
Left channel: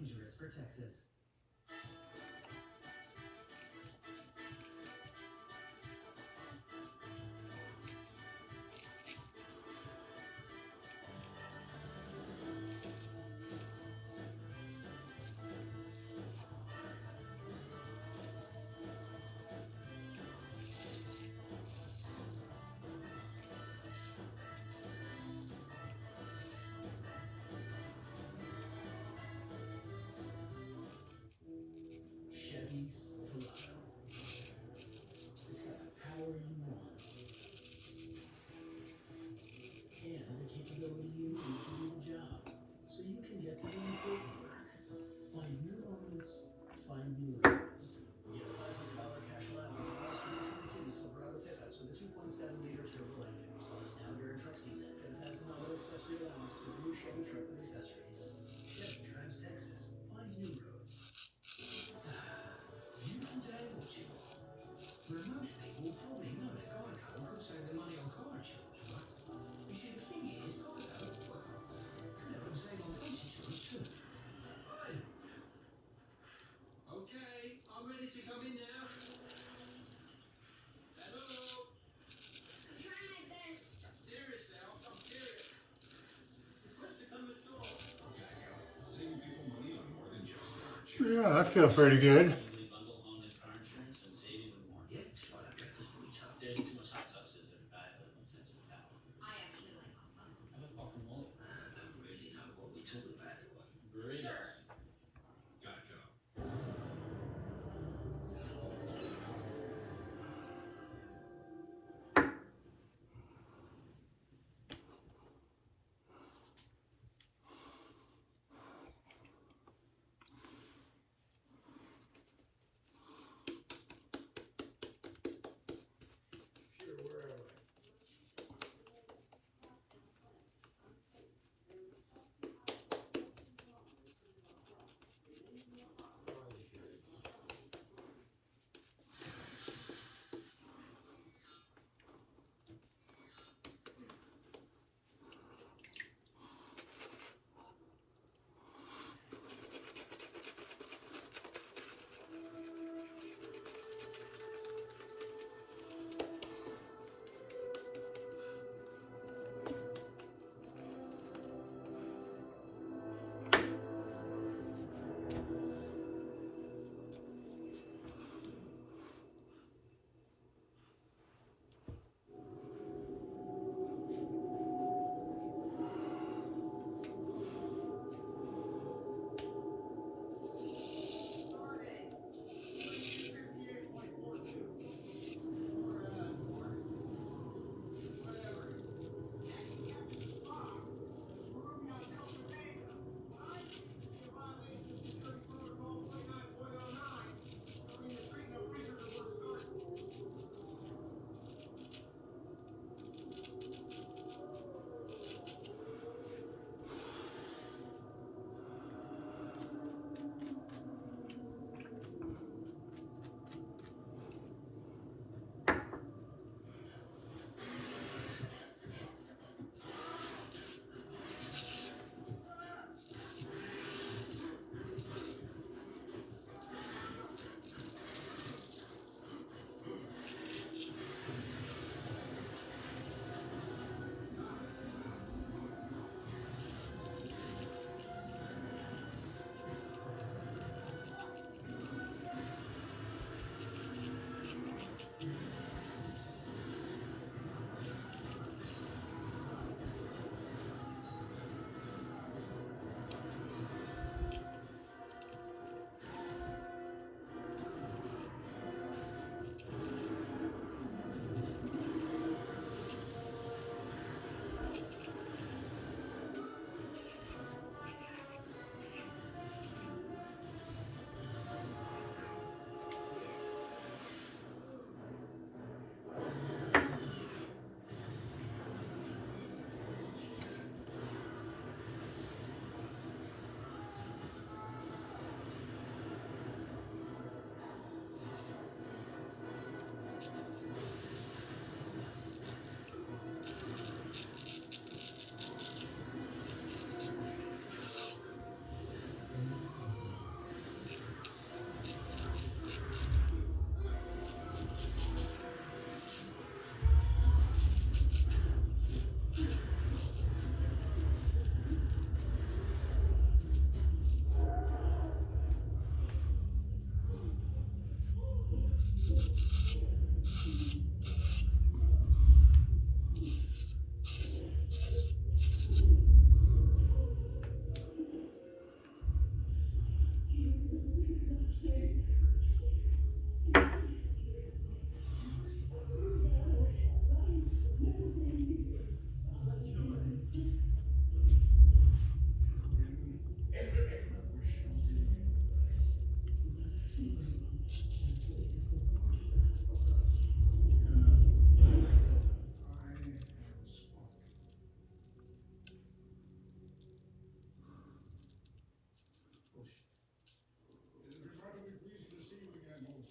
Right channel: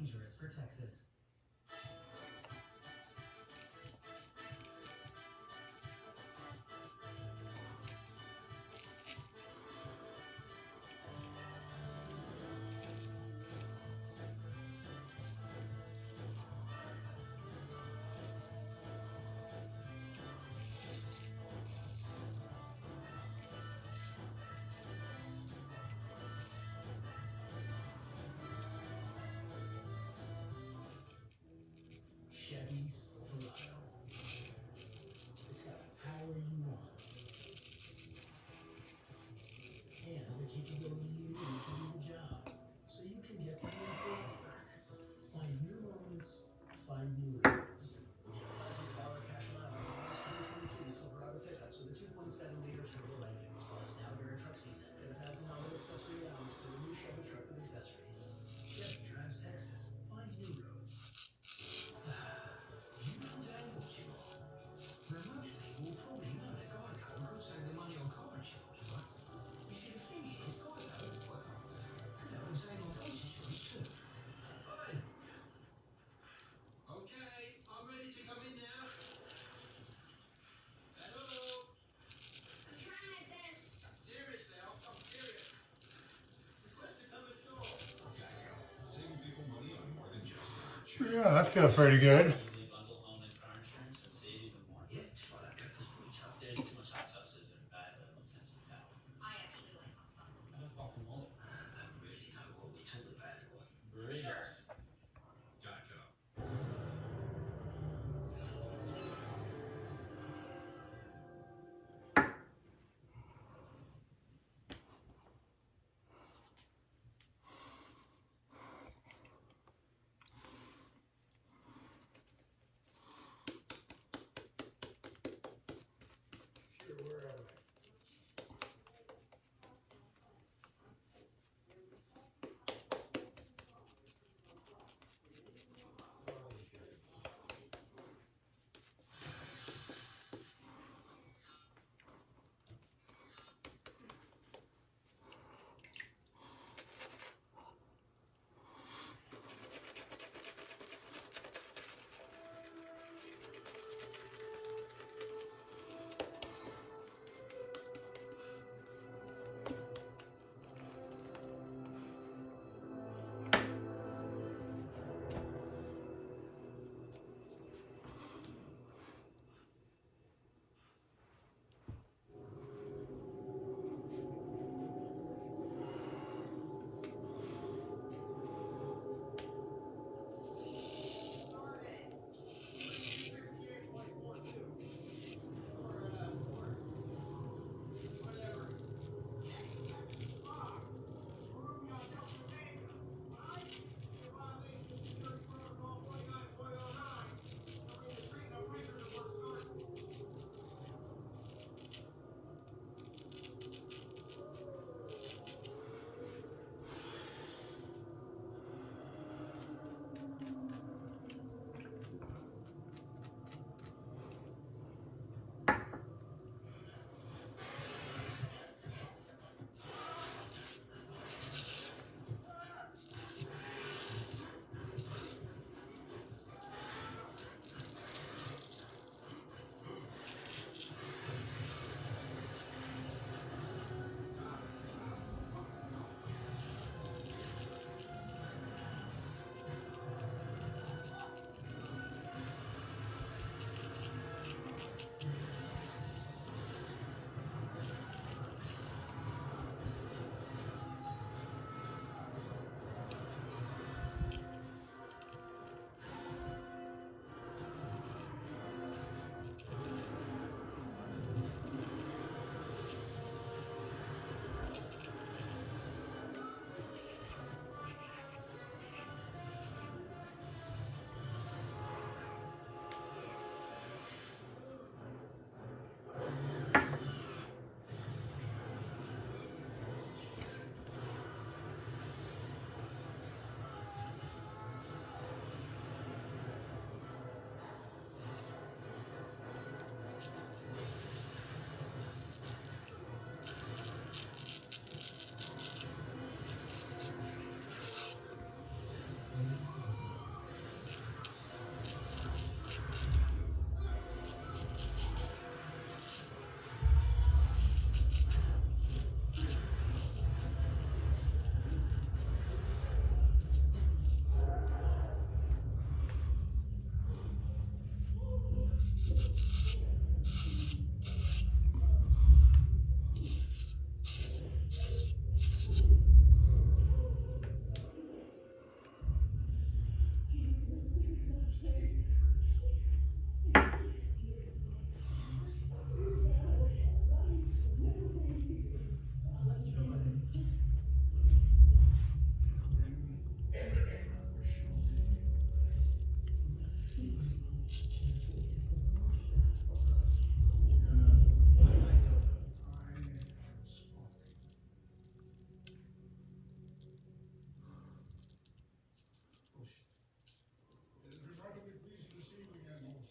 dangerous for Texas. Chevy Silverado. It's got the power you want. And the capability you need to do the job. So you can get to the important work. Find new moments, find new roads. Get $500 cash allowance on all 2022 Silverado pickups with a 2.7-liter turbo engine. It's now during truck season. Get a $1,000 accessory allowance for the new Chevy truck with accessories. Chevy drives Texas. Find new roads. You know that what you want. Now, most people probably know that Geico could save their money on car insurance, right? You see, the thing is, Geico, well, they can save on police insurance too. Hey. Okay, I'm ready to come in now. Hello. Try my best. Seriously, I'm serious. It's Whisker coming ashore. Saving people money on more than just insurance. Yeah, that feels pretty good. Easily bundle home and car insurance and save even more. Yeah, that's why that breakfast burrito. There's too much hot sauce, is it bad? But no sense in that. I actually like hot sauce. I don't guacamole. I don't really know what we talking about at all. Burritos. Geico.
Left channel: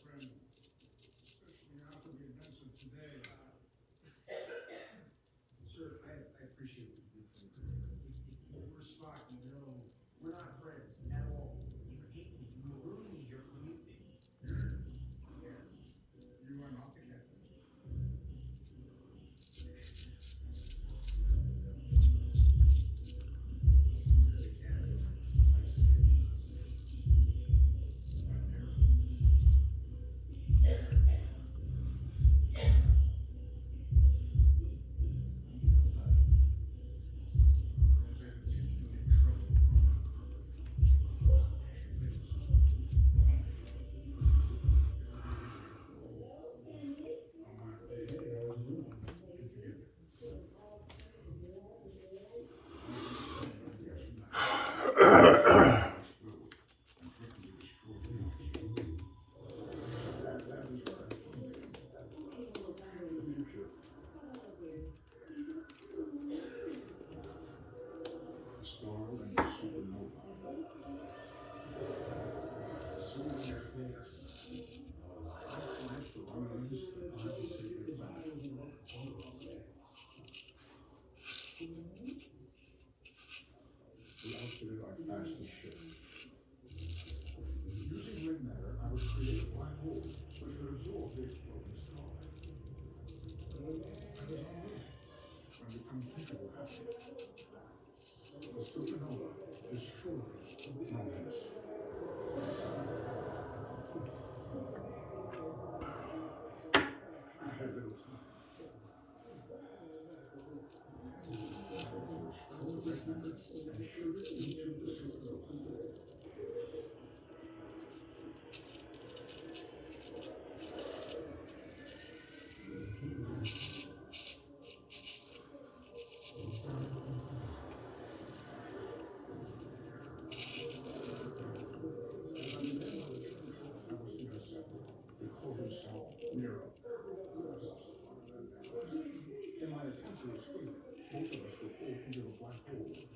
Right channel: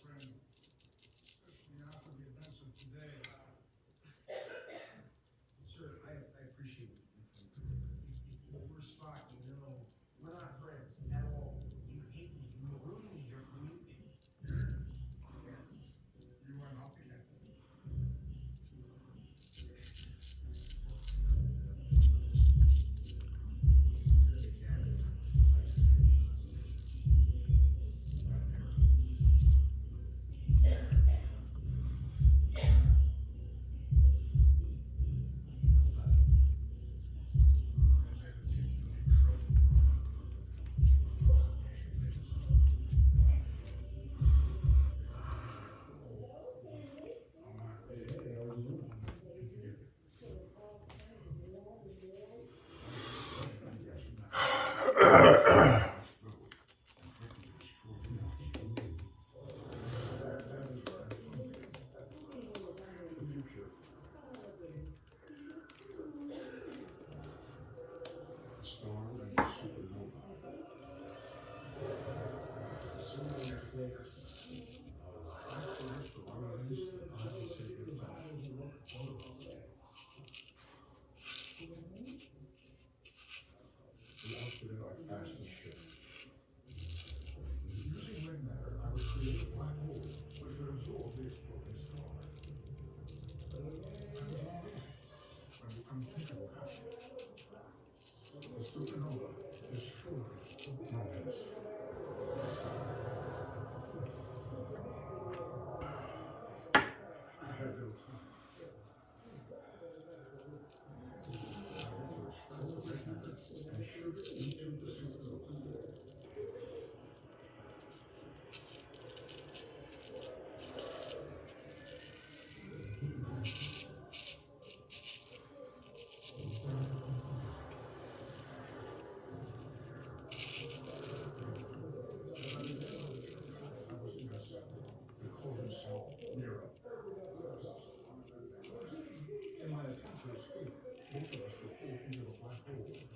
friend, especially after the events of today. Sir, I appreciate what you do for me. We're Spock, you know, we're not friends at all. You hate me, you maroon me here for mutiny. Yes. You are not the captain. Really, Captain. I suspicious.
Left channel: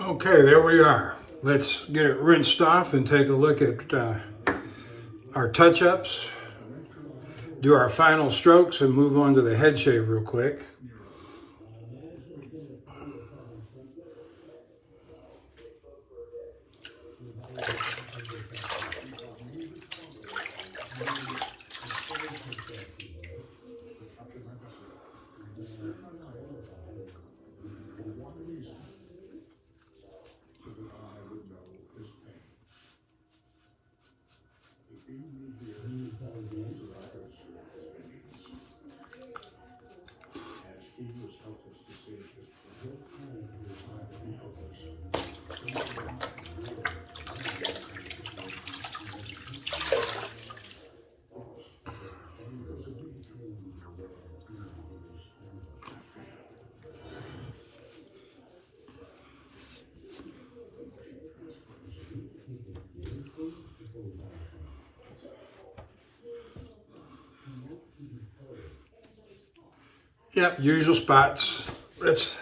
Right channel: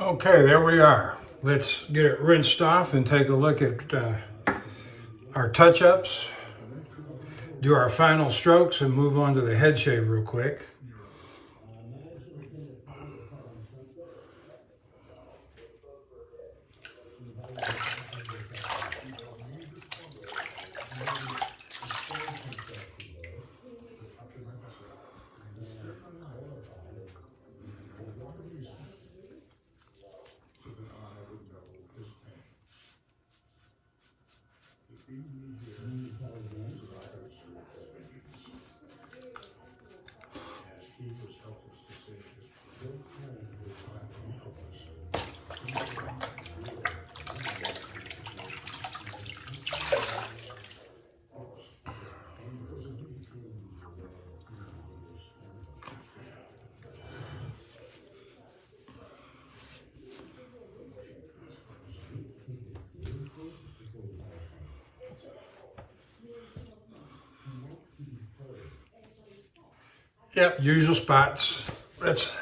Okay, there we are. Let's get it rinsed off and take a look at our touch-ups, do our final strokes, and move on to the head shave real quick. Yep, usual spots. Let's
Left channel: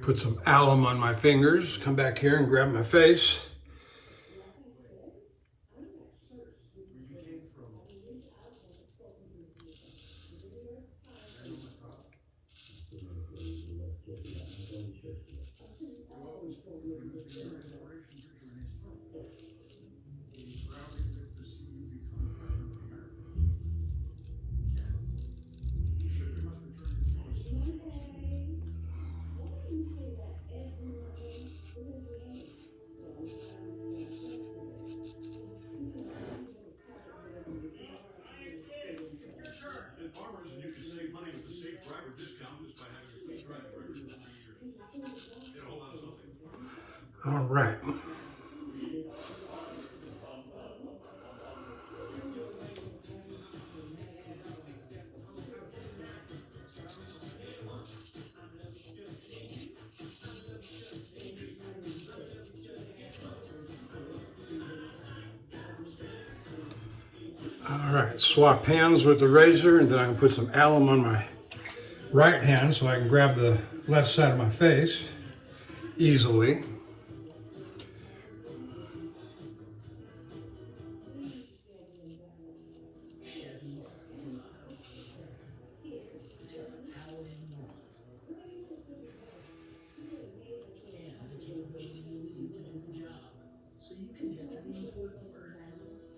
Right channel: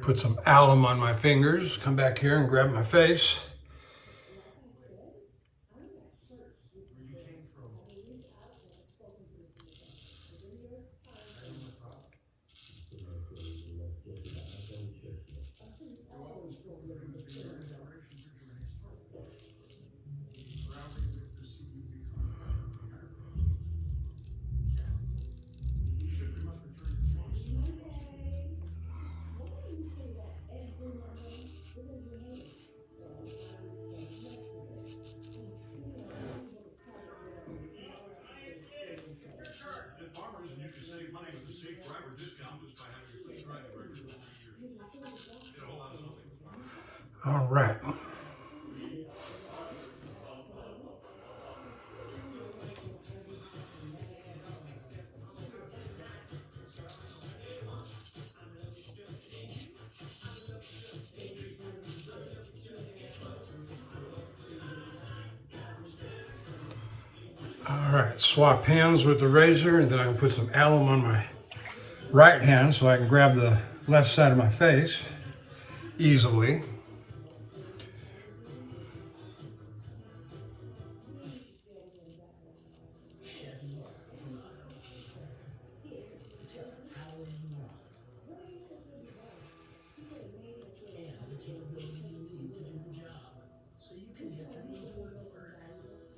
put some alum on my fingers, come back here and grab my face. All right, swap hands with the razor, and then I'm gonna put some alum on my right hand so I can grab the left side of my face easily. So you can get to the important work.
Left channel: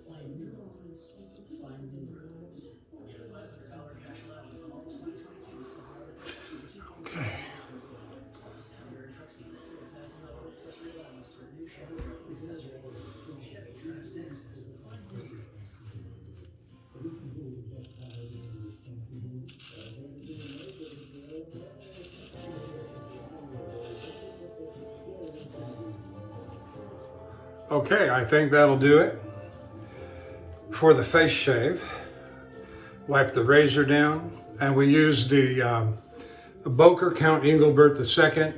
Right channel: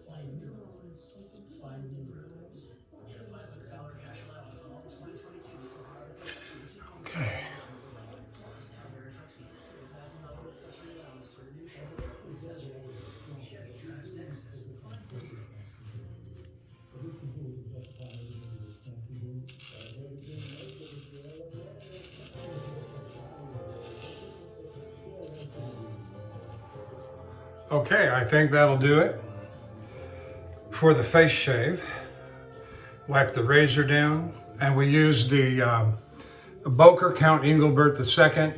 Find new moments, find new roads. Get a $500 cash allowance on all 2022 Silverado purchases. Okay. Now during truck season, $4,000 accessory allowance toward new Chevy truck accessories. Chevy Trucks Texas. Okay, I think that'll do it for the face shave. Wipe the razor down, and we use the Boker Count Engelbert II.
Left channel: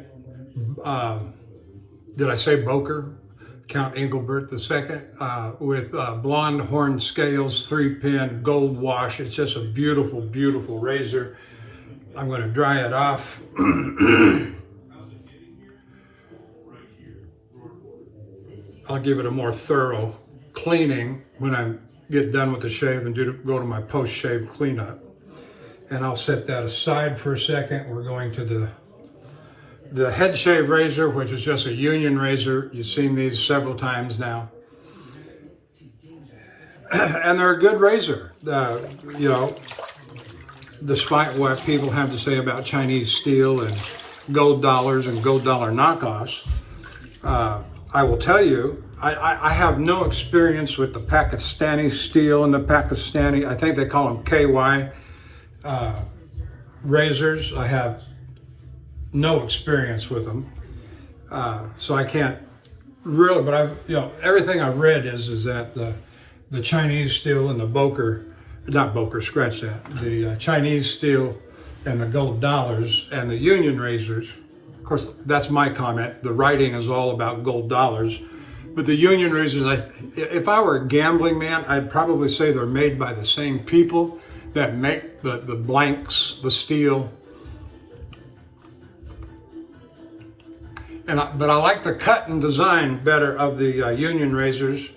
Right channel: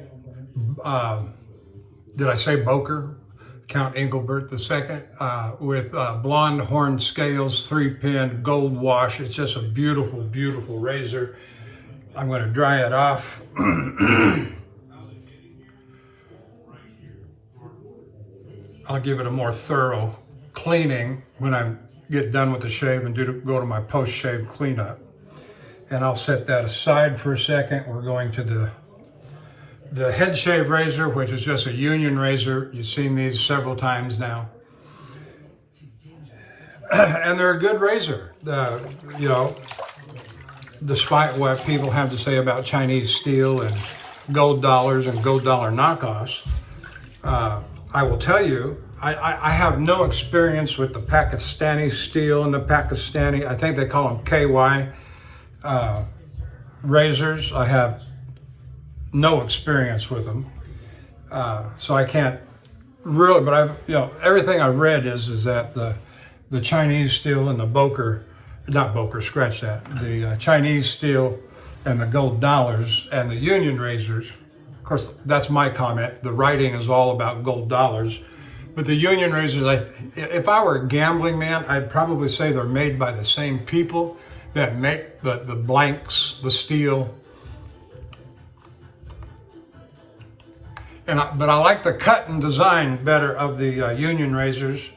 Did I say Boker? Count Engelbert II with blonde horn scales, 3-pin, gold wash. It's just a beautiful, beautiful razor. I'm going to dry it off. I'll give it a more thorough cleaning when I get done with the shave and go to my post-shave cleanup. And I'll set that aside for a second. We're going to the head shave razor, which is just a union razor. You've seen these several times now. And they're a good razor. You know, despite what people have to say about Chinese steel and gold dollars and gold dollar knockoffs, I will tell you, I have no experience with the Pakistani steel and the Pakistani, I think they call them KY razors. I have no experience with them. So I can't really, but everything I've read is that the Chinese steel and the Boker, not Boker, scratch that, the Chinese steel and the gold dollars and the union razors, of course, that's my comment. The writing is all about gold dollars. But the union razors, if I were a gambling man, I'd probably say they're made by the same people that make the blanks, the steel. But I like the cut and design better of the union razors.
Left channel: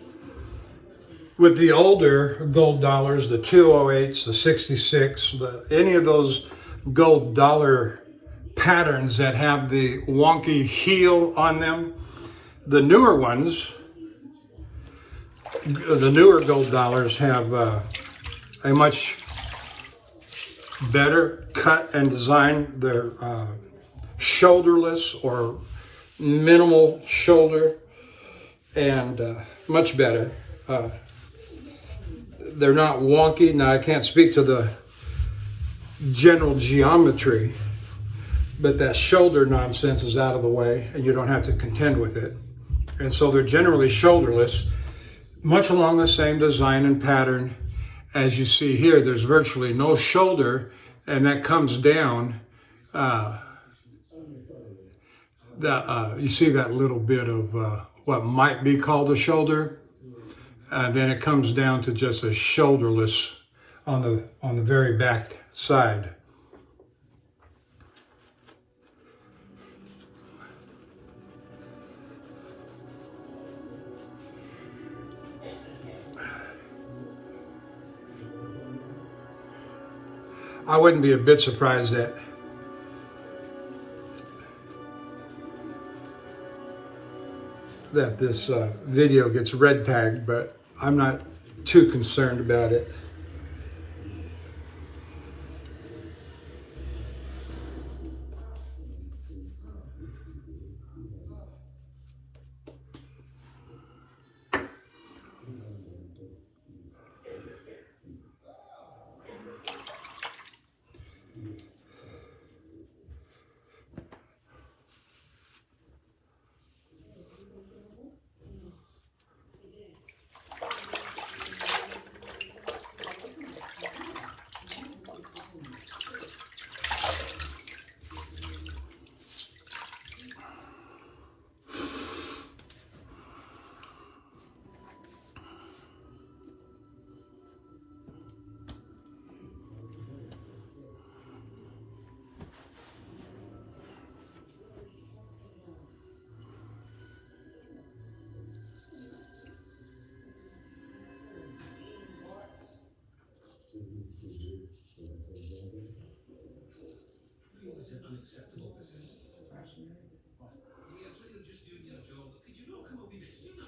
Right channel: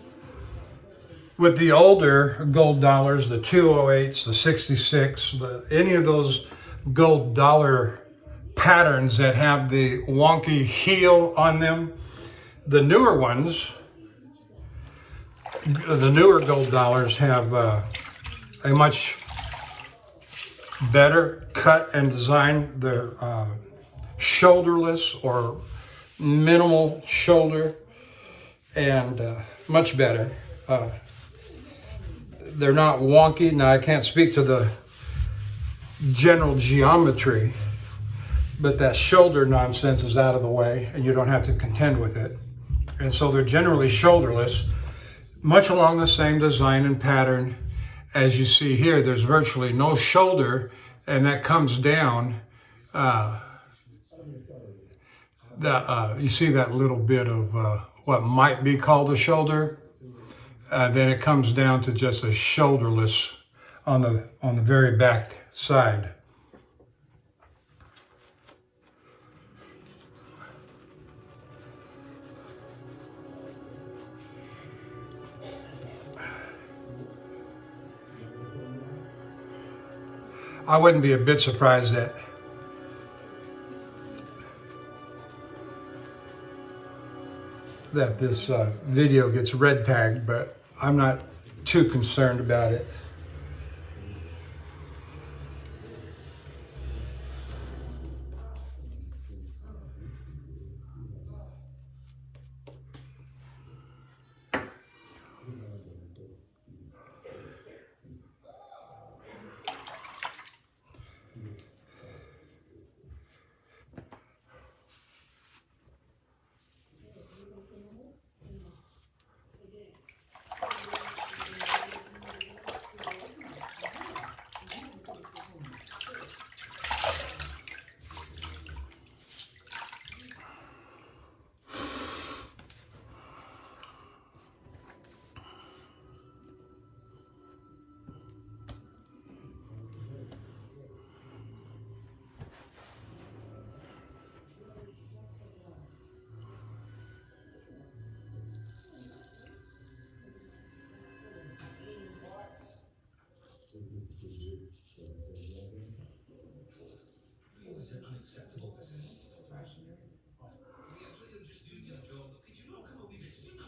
With the older gold dollars, the 208s, the 66, any of those gold dollar patterns that have the wonky heel on them, the newer ones, the newer gold dollars have a much better cut and design. They're shoulderless or minimal shoulder and much better. They're not wonky. Now, I can't speak to the general geometry, but that shoulder nonsense is out of the way and you don't have to contend with it. And so they're generally shoulderless, much along the same design and pattern as you see here. There's virtually no shoulder, and that comes down. You see that little bit of what might be called a shoulder. Then it comes down to just a shoulderless on the very back side. I wouldn't be a bit surprised that this video gets red tagged, but I'm not too concerned about it. is it unacceptable? I says, fascinating. Fine. Yeah, so you're just doing your job. Could you not come a wee bit sooner?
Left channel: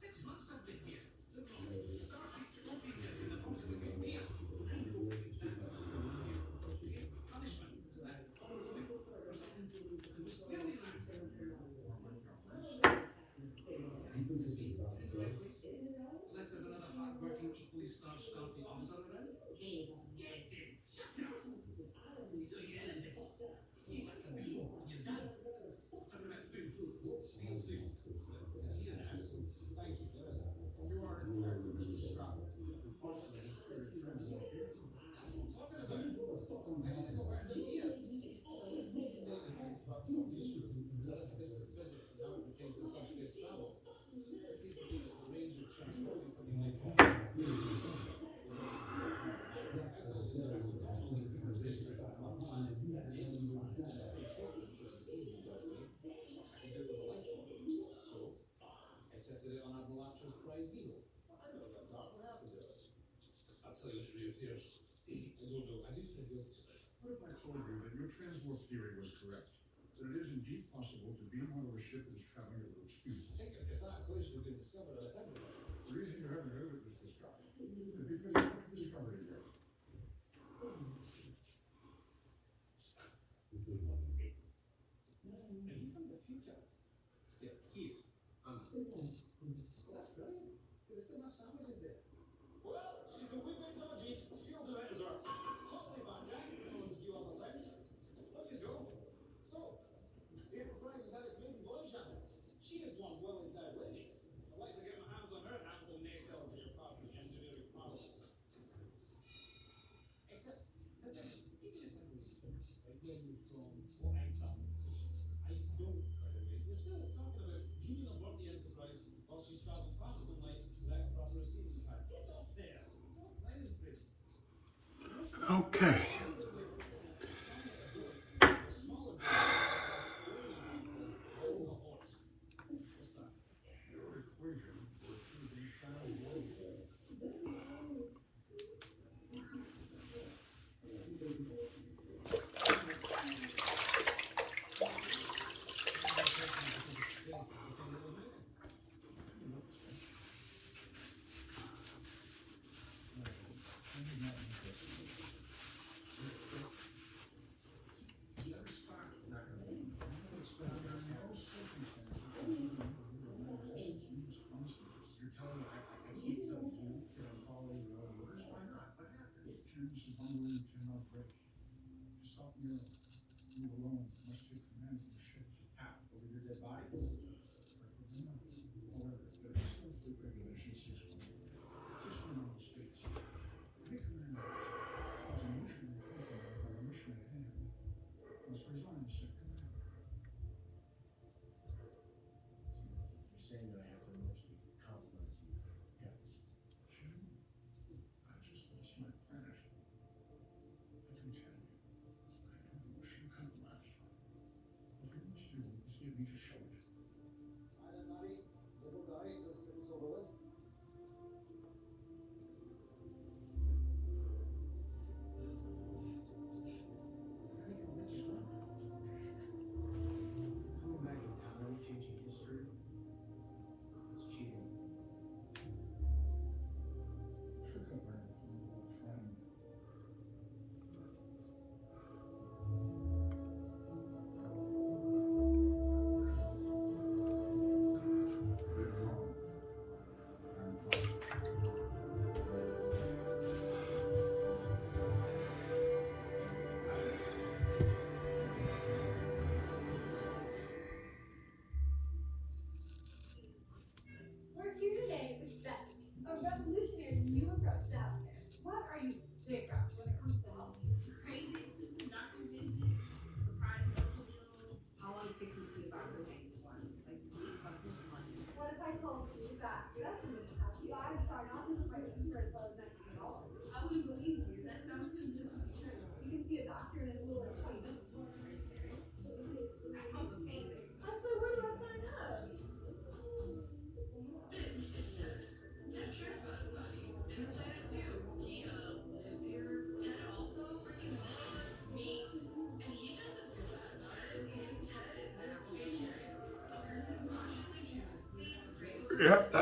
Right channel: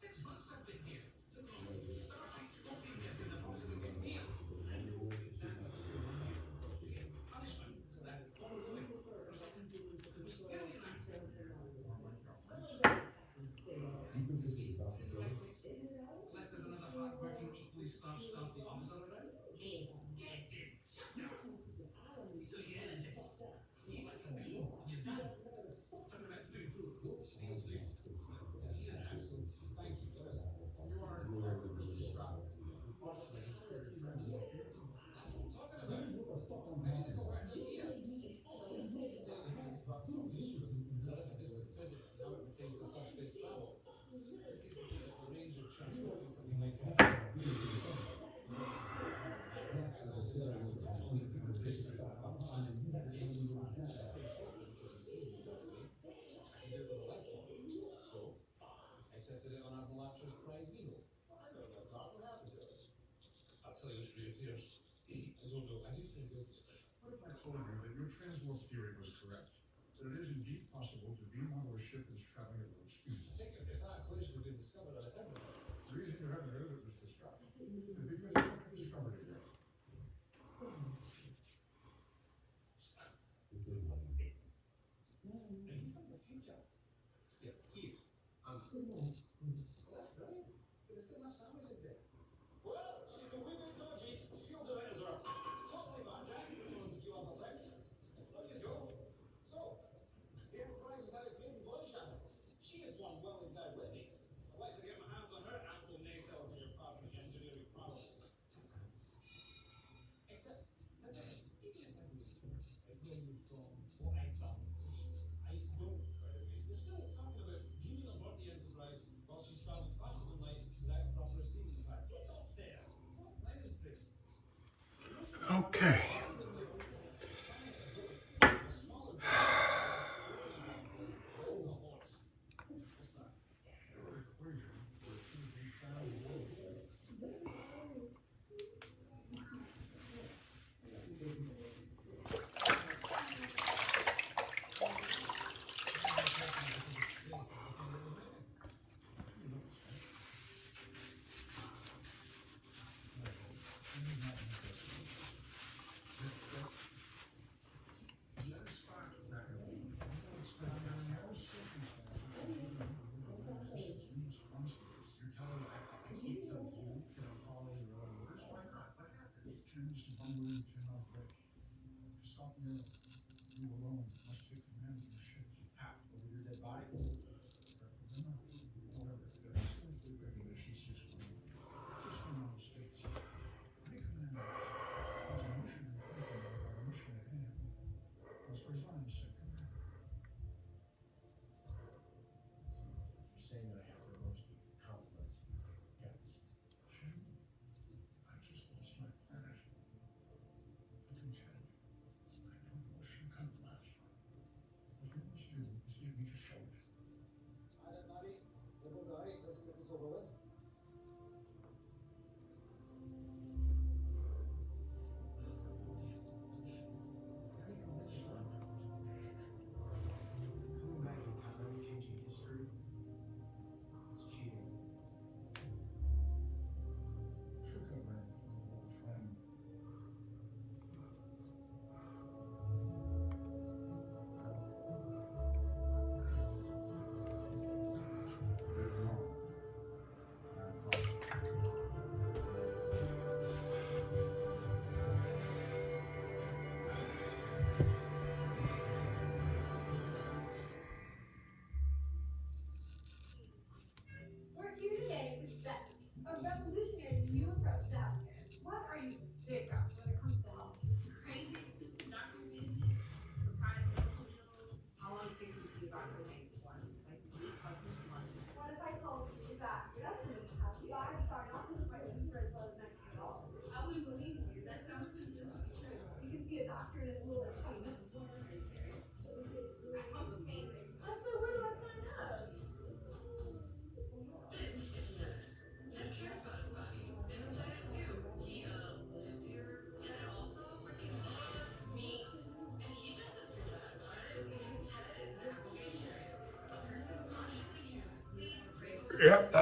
6 months I've been here. Look, Star Trek 40 years in the process of getting here. And fucking Sanders. Punishment. Is that what we're doing? Really nice. Unless there's another hard-working, equally starched, stealthy officer around. Hey, get in! Shut up! So yeah, eat like a bee when you're done. Talking about food. Thank you, fellas. You are Mr. Scott. Possibly a career friend. That's what I'm talking about. Why did you go around up here? Mr. Physics and how it pertains to subspace travel. Let's see if we can get the range of transporting something like that. I tested it on Admiral Archer's prize needle. I don't know, Clark, what happened to it? I'll tell you, it reappears. I don't know, I just think this. What if I told you that your transport theory was correct? That it is indeed possible to beam out of a ship that is traveling at low speed. I think if that equation had been discovered, I'd have it. The reason you haven't heard of it, Mr. Scott, is because you haven't discovered it yet. And from the future. Yeah, here. Well, that's brilliant. There's still enough sandwiches there. Well, she's a wicked dodgy. She'll do it as well. Totally bad, Jack. A few other things. Look, you go. So, the Enterprise has had its maiden voyage, hasn't it? She is one well endowed lady. I'd like to get my hands on her after the naysayers of your party engineering prowess. Except, that give me a second. I know you from what I thought. I don't, we're still talking about beaming aboard the Enterprise while she's traveling faster than light without proper receiving time. Get up there! What planet is this? Okay. Equation for achieving travel velocity. The other spot is not really. But under no circumstances would you resistance means consequences. You're telling me I can't tell you that I'm following your own orders. Why not? What happened? Tim's bungling Tim out rich. Stop me. Leave alone. Must get the man in the ship. How? Over your dead body? However, there is still fleet regulation 6.1. Just in the States. Anything in that is a mission accompanied by a mission at hand. It's resigned to set command. You're saying that I have to emotionally compliment you. Yes. Jim, I just lost my planet. I can tell you, I don't wish you could last.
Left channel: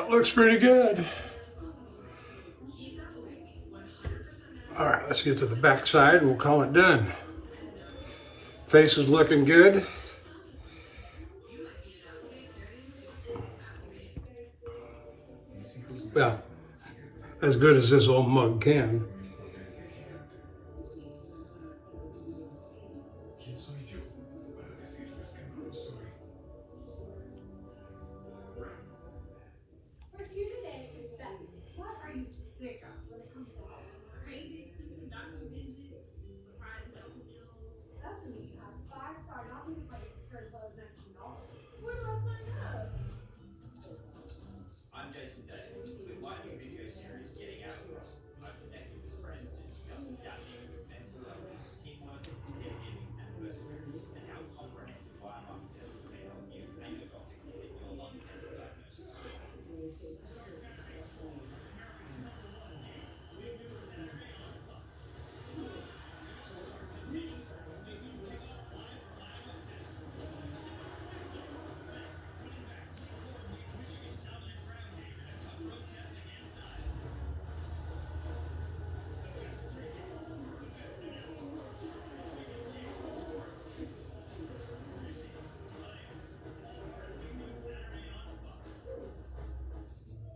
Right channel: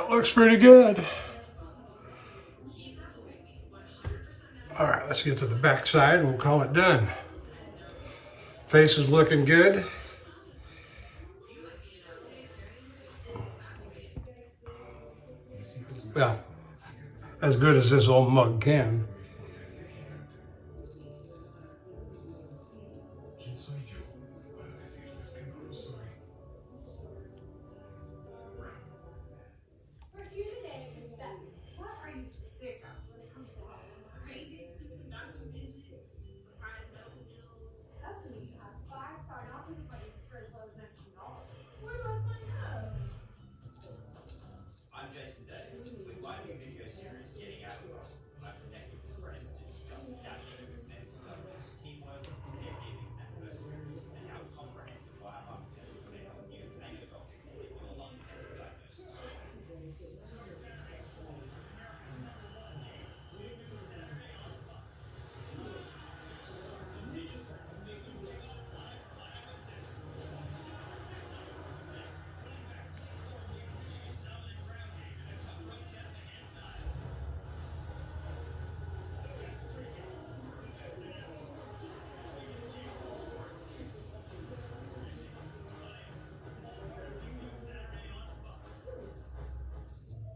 looks pretty good. All right, let's get to the back side. We'll call it done. Face is looking good. Well, as good as this old mug can. For human nature, what are you sick of when it comes to crazy expensive diamond digits, surprise Delta bills? Suddenly, you have 5-star doctors appointments for as low as $19. Where do I sign up? I'm Jason Davis. With my new video series, Getting Out of Trouble, I connect you with friends to discuss adapting with mental illness, teamwork, caregiving, and perseverance, and how comprehensive biomarker tests can help you and your doctor with your long-term diagnosis.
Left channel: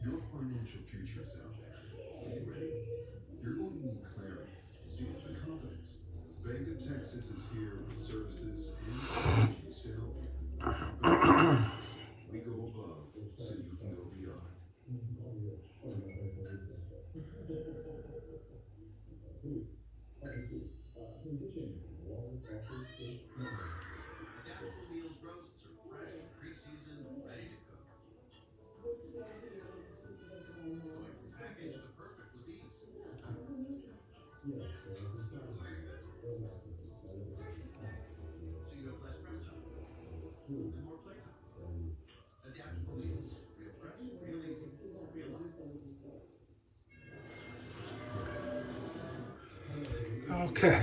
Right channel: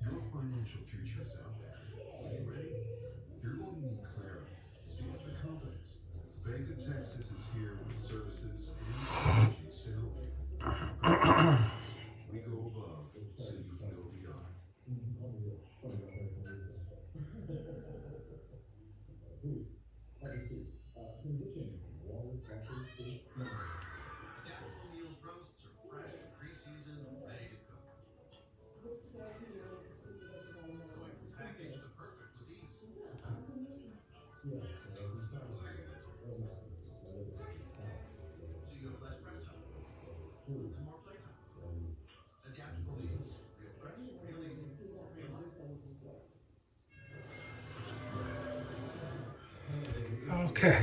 Your financial future is out there. Are you ready? You're going to need clarity, so you have confidence. Bank of Texas is here with services and strategies to help you. We go above so you can go beyond. Tactical Meals roasts are fresh, pre-seasoned, ready to cook. Going from package to perfect with ease. So you have less prep time and more playtime. Adaptable Meals, real fresh, real easy, real life. Okay.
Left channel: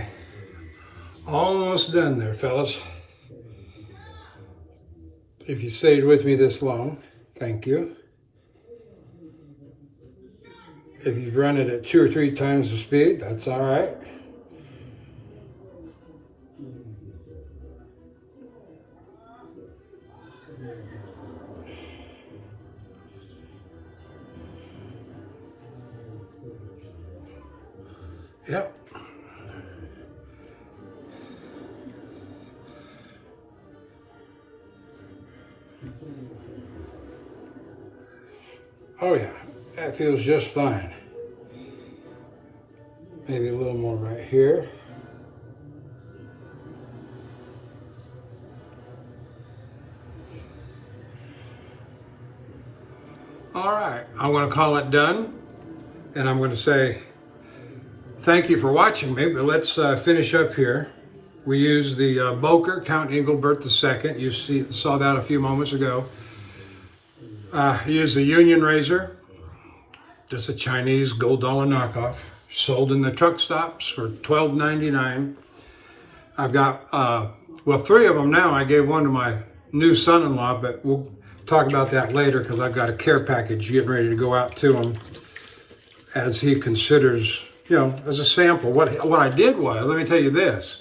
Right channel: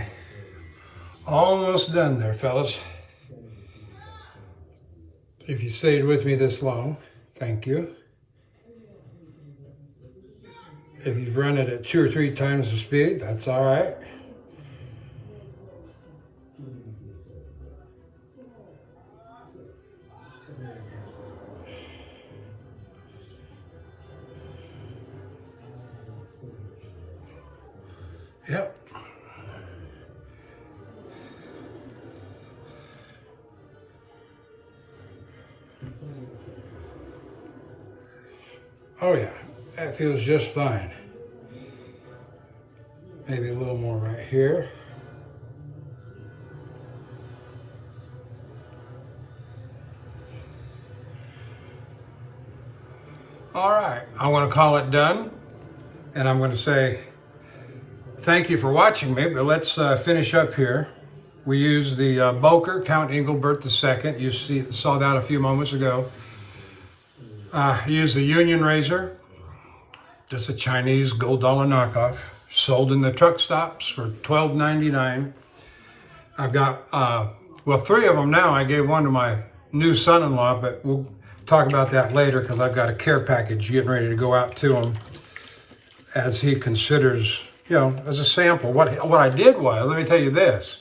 Almost done there, fellas. If you stayed with me this long, thank you. If you've run it at 2 or 3 times the speed, that's all right. Yep. Oh yeah, that feels just fine. Maybe a little more right here. All right, I want to call it done, and I'm going to say thank you for watching me, but let's finish up here. We use the Boker, Count Engelbert II. You saw that a few moments ago. Use the Union razor, just a Chinese gold dollar knockoff, sold in the truck stops for $12.99. I've got, well, 3 of them now. I gave one to my new son-in-law, but we'll talk about that later because I've got a care package getting ready to go out to him as he considers, you know, as a sample. What I did was, let me tell you this.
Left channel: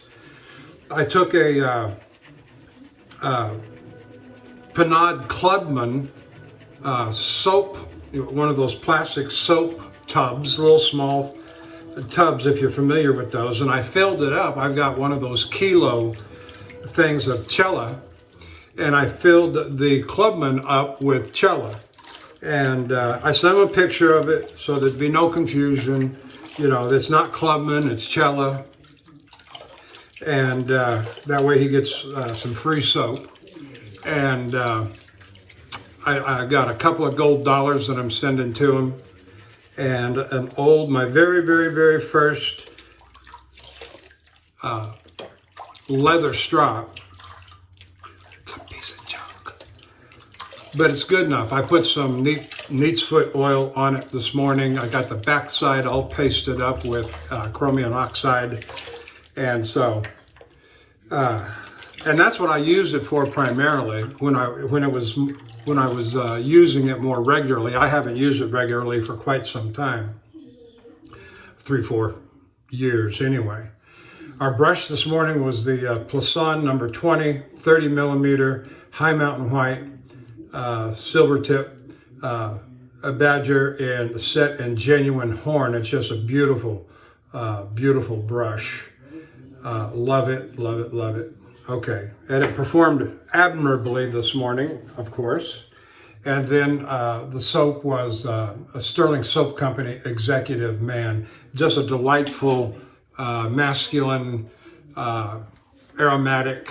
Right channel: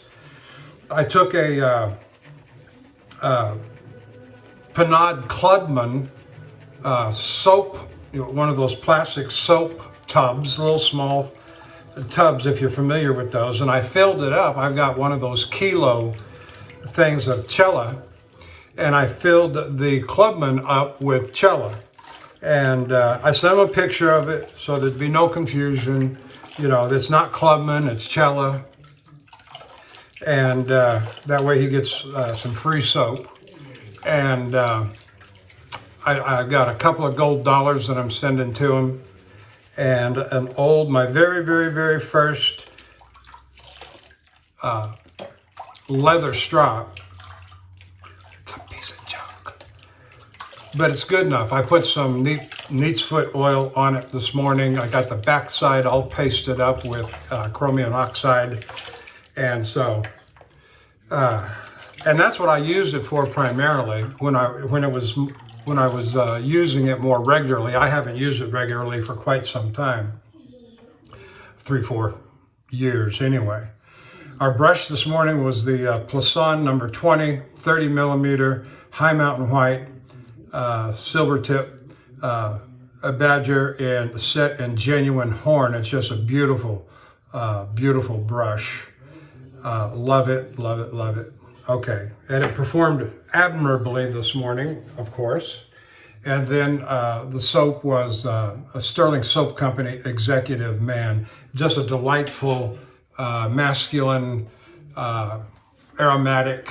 I took a Panad Clubman soap, you know, one of those plastic soap tubs, little small tubs if you're familiar with those, and I filled it up. I've got one of those kilo things of Cella, and I filled the Clubman up with Cella, and I sent him a picture of it so there'd be no confusion. You know, it's not Clubman, it's Cella, and that way he gets some free soap. And I've got a couple of gold dollars that I'm sending to him, and my very, very, very first leather strop. It's a piece of junk, but it's good enough. I put some neat's foot oil on it this morning. I got the backside all pasted up with chromium oxide, and so And that's what I used it for primarily when I was using it more regularly. I haven't used it regularly for quite some time, 3-4 years anyway. Our brush this morning was the Plisson number 20, 30 millimeter, high mountain white, silver tip, a badger, and set in genuine horn. It's just a beautiful, beautiful brush. Love it, love it, love it. Okay, and it performed admirably this morning, of course. And then the soap was a Stirling Soap Company Executive Man. Just a delightful, masculine, aromatic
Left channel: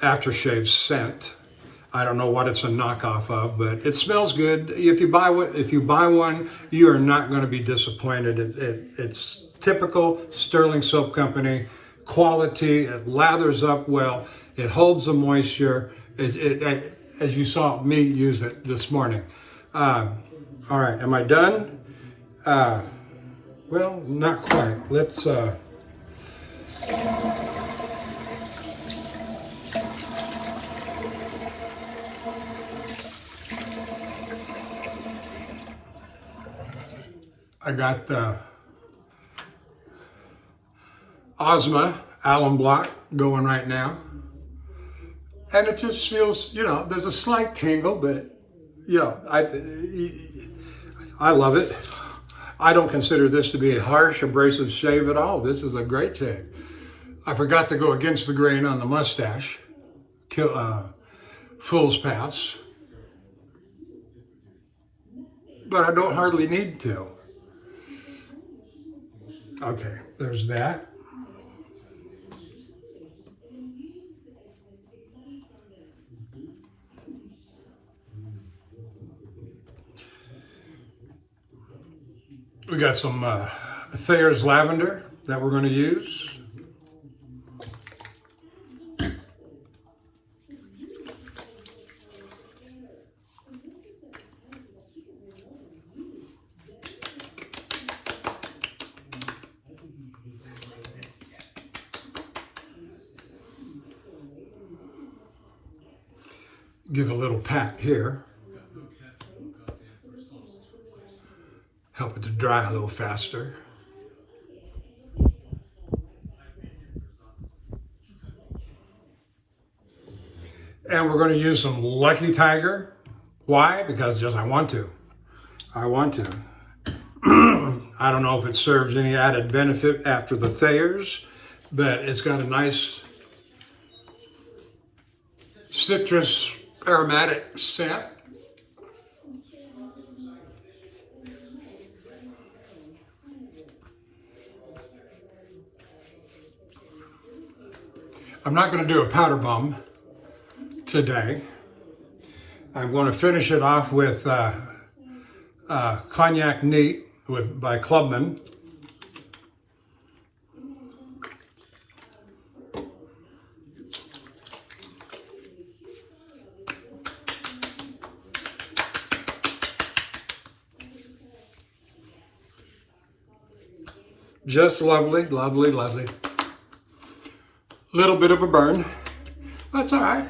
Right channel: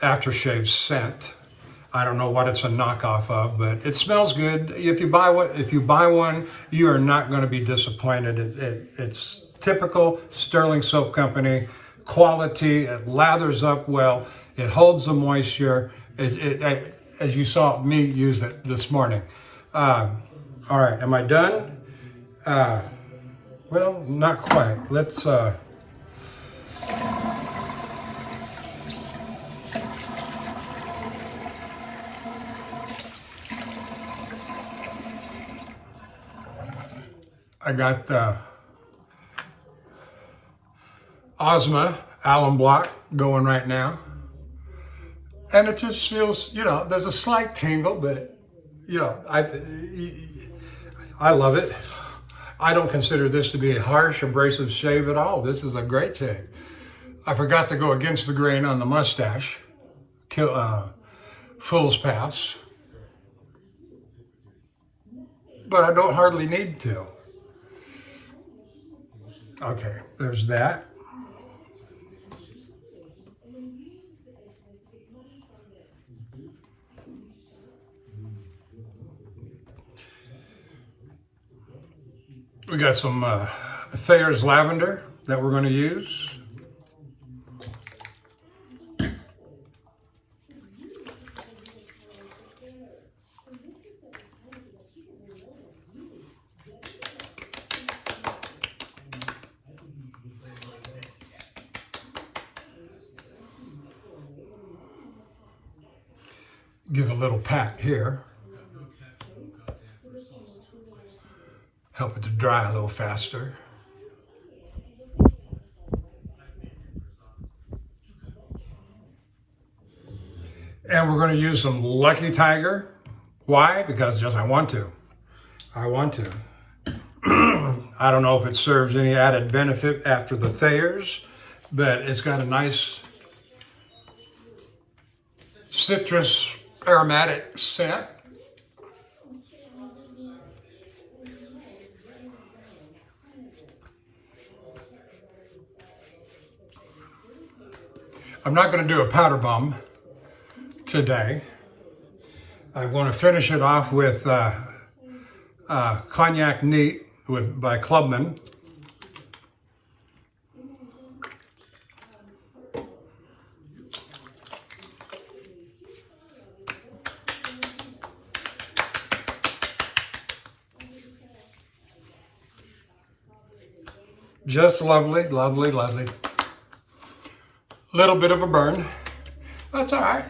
aftershave scent. I don't know what it's a knockoff of, but it smells good. If you buy one, you are not going to be disappointed. It's typical Stirling Soap Company quality. It lathers up well. It holds the moisture. As you saw me use it this morning. All right, am I done? Well, not quite. Let's. I got Ozma alum block going right now. And it just feels, there's a slight tingle, but, I love it. I don't consider this to be a harsh, abrasive shave at all. This is a great shave. I forgot to go against the grain on the mustache. Fool's pass. But I don't hardly need to. Okay, there's that. We got some Thayer's lavender that we're going to use. Give a little pat here. Help it to dry a little faster. And we're going to use some Lucky Tiger. Why? Because just I want to. I want to. I don't know if it serves any added benefit after the Thayer's, but it's got a nice citrus aromatic scent. I'm not going to do a powder bomb today. I'm going to finish it off with Cognac Neat by Clubman. Just lovely, lovely, lovely. Little bit of a burn. That's all right.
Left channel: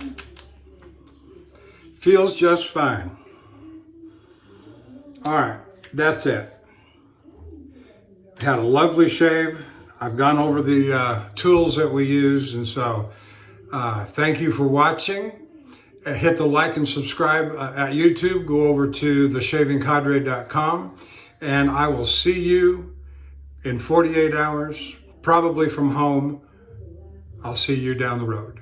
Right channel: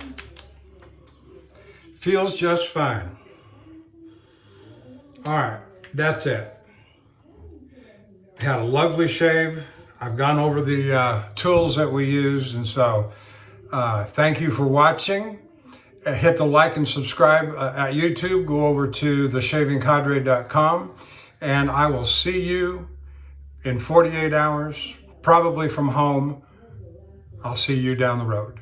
Feels just fine. All right, that's it. Had a lovely shave. I've gone over the tools that we use, and so thank you for watching. Hit the like and subscribe at YouTube. Go over to theshavingcadre.com, and I will see you in 48 hours, probably from home. I'll see you down the road.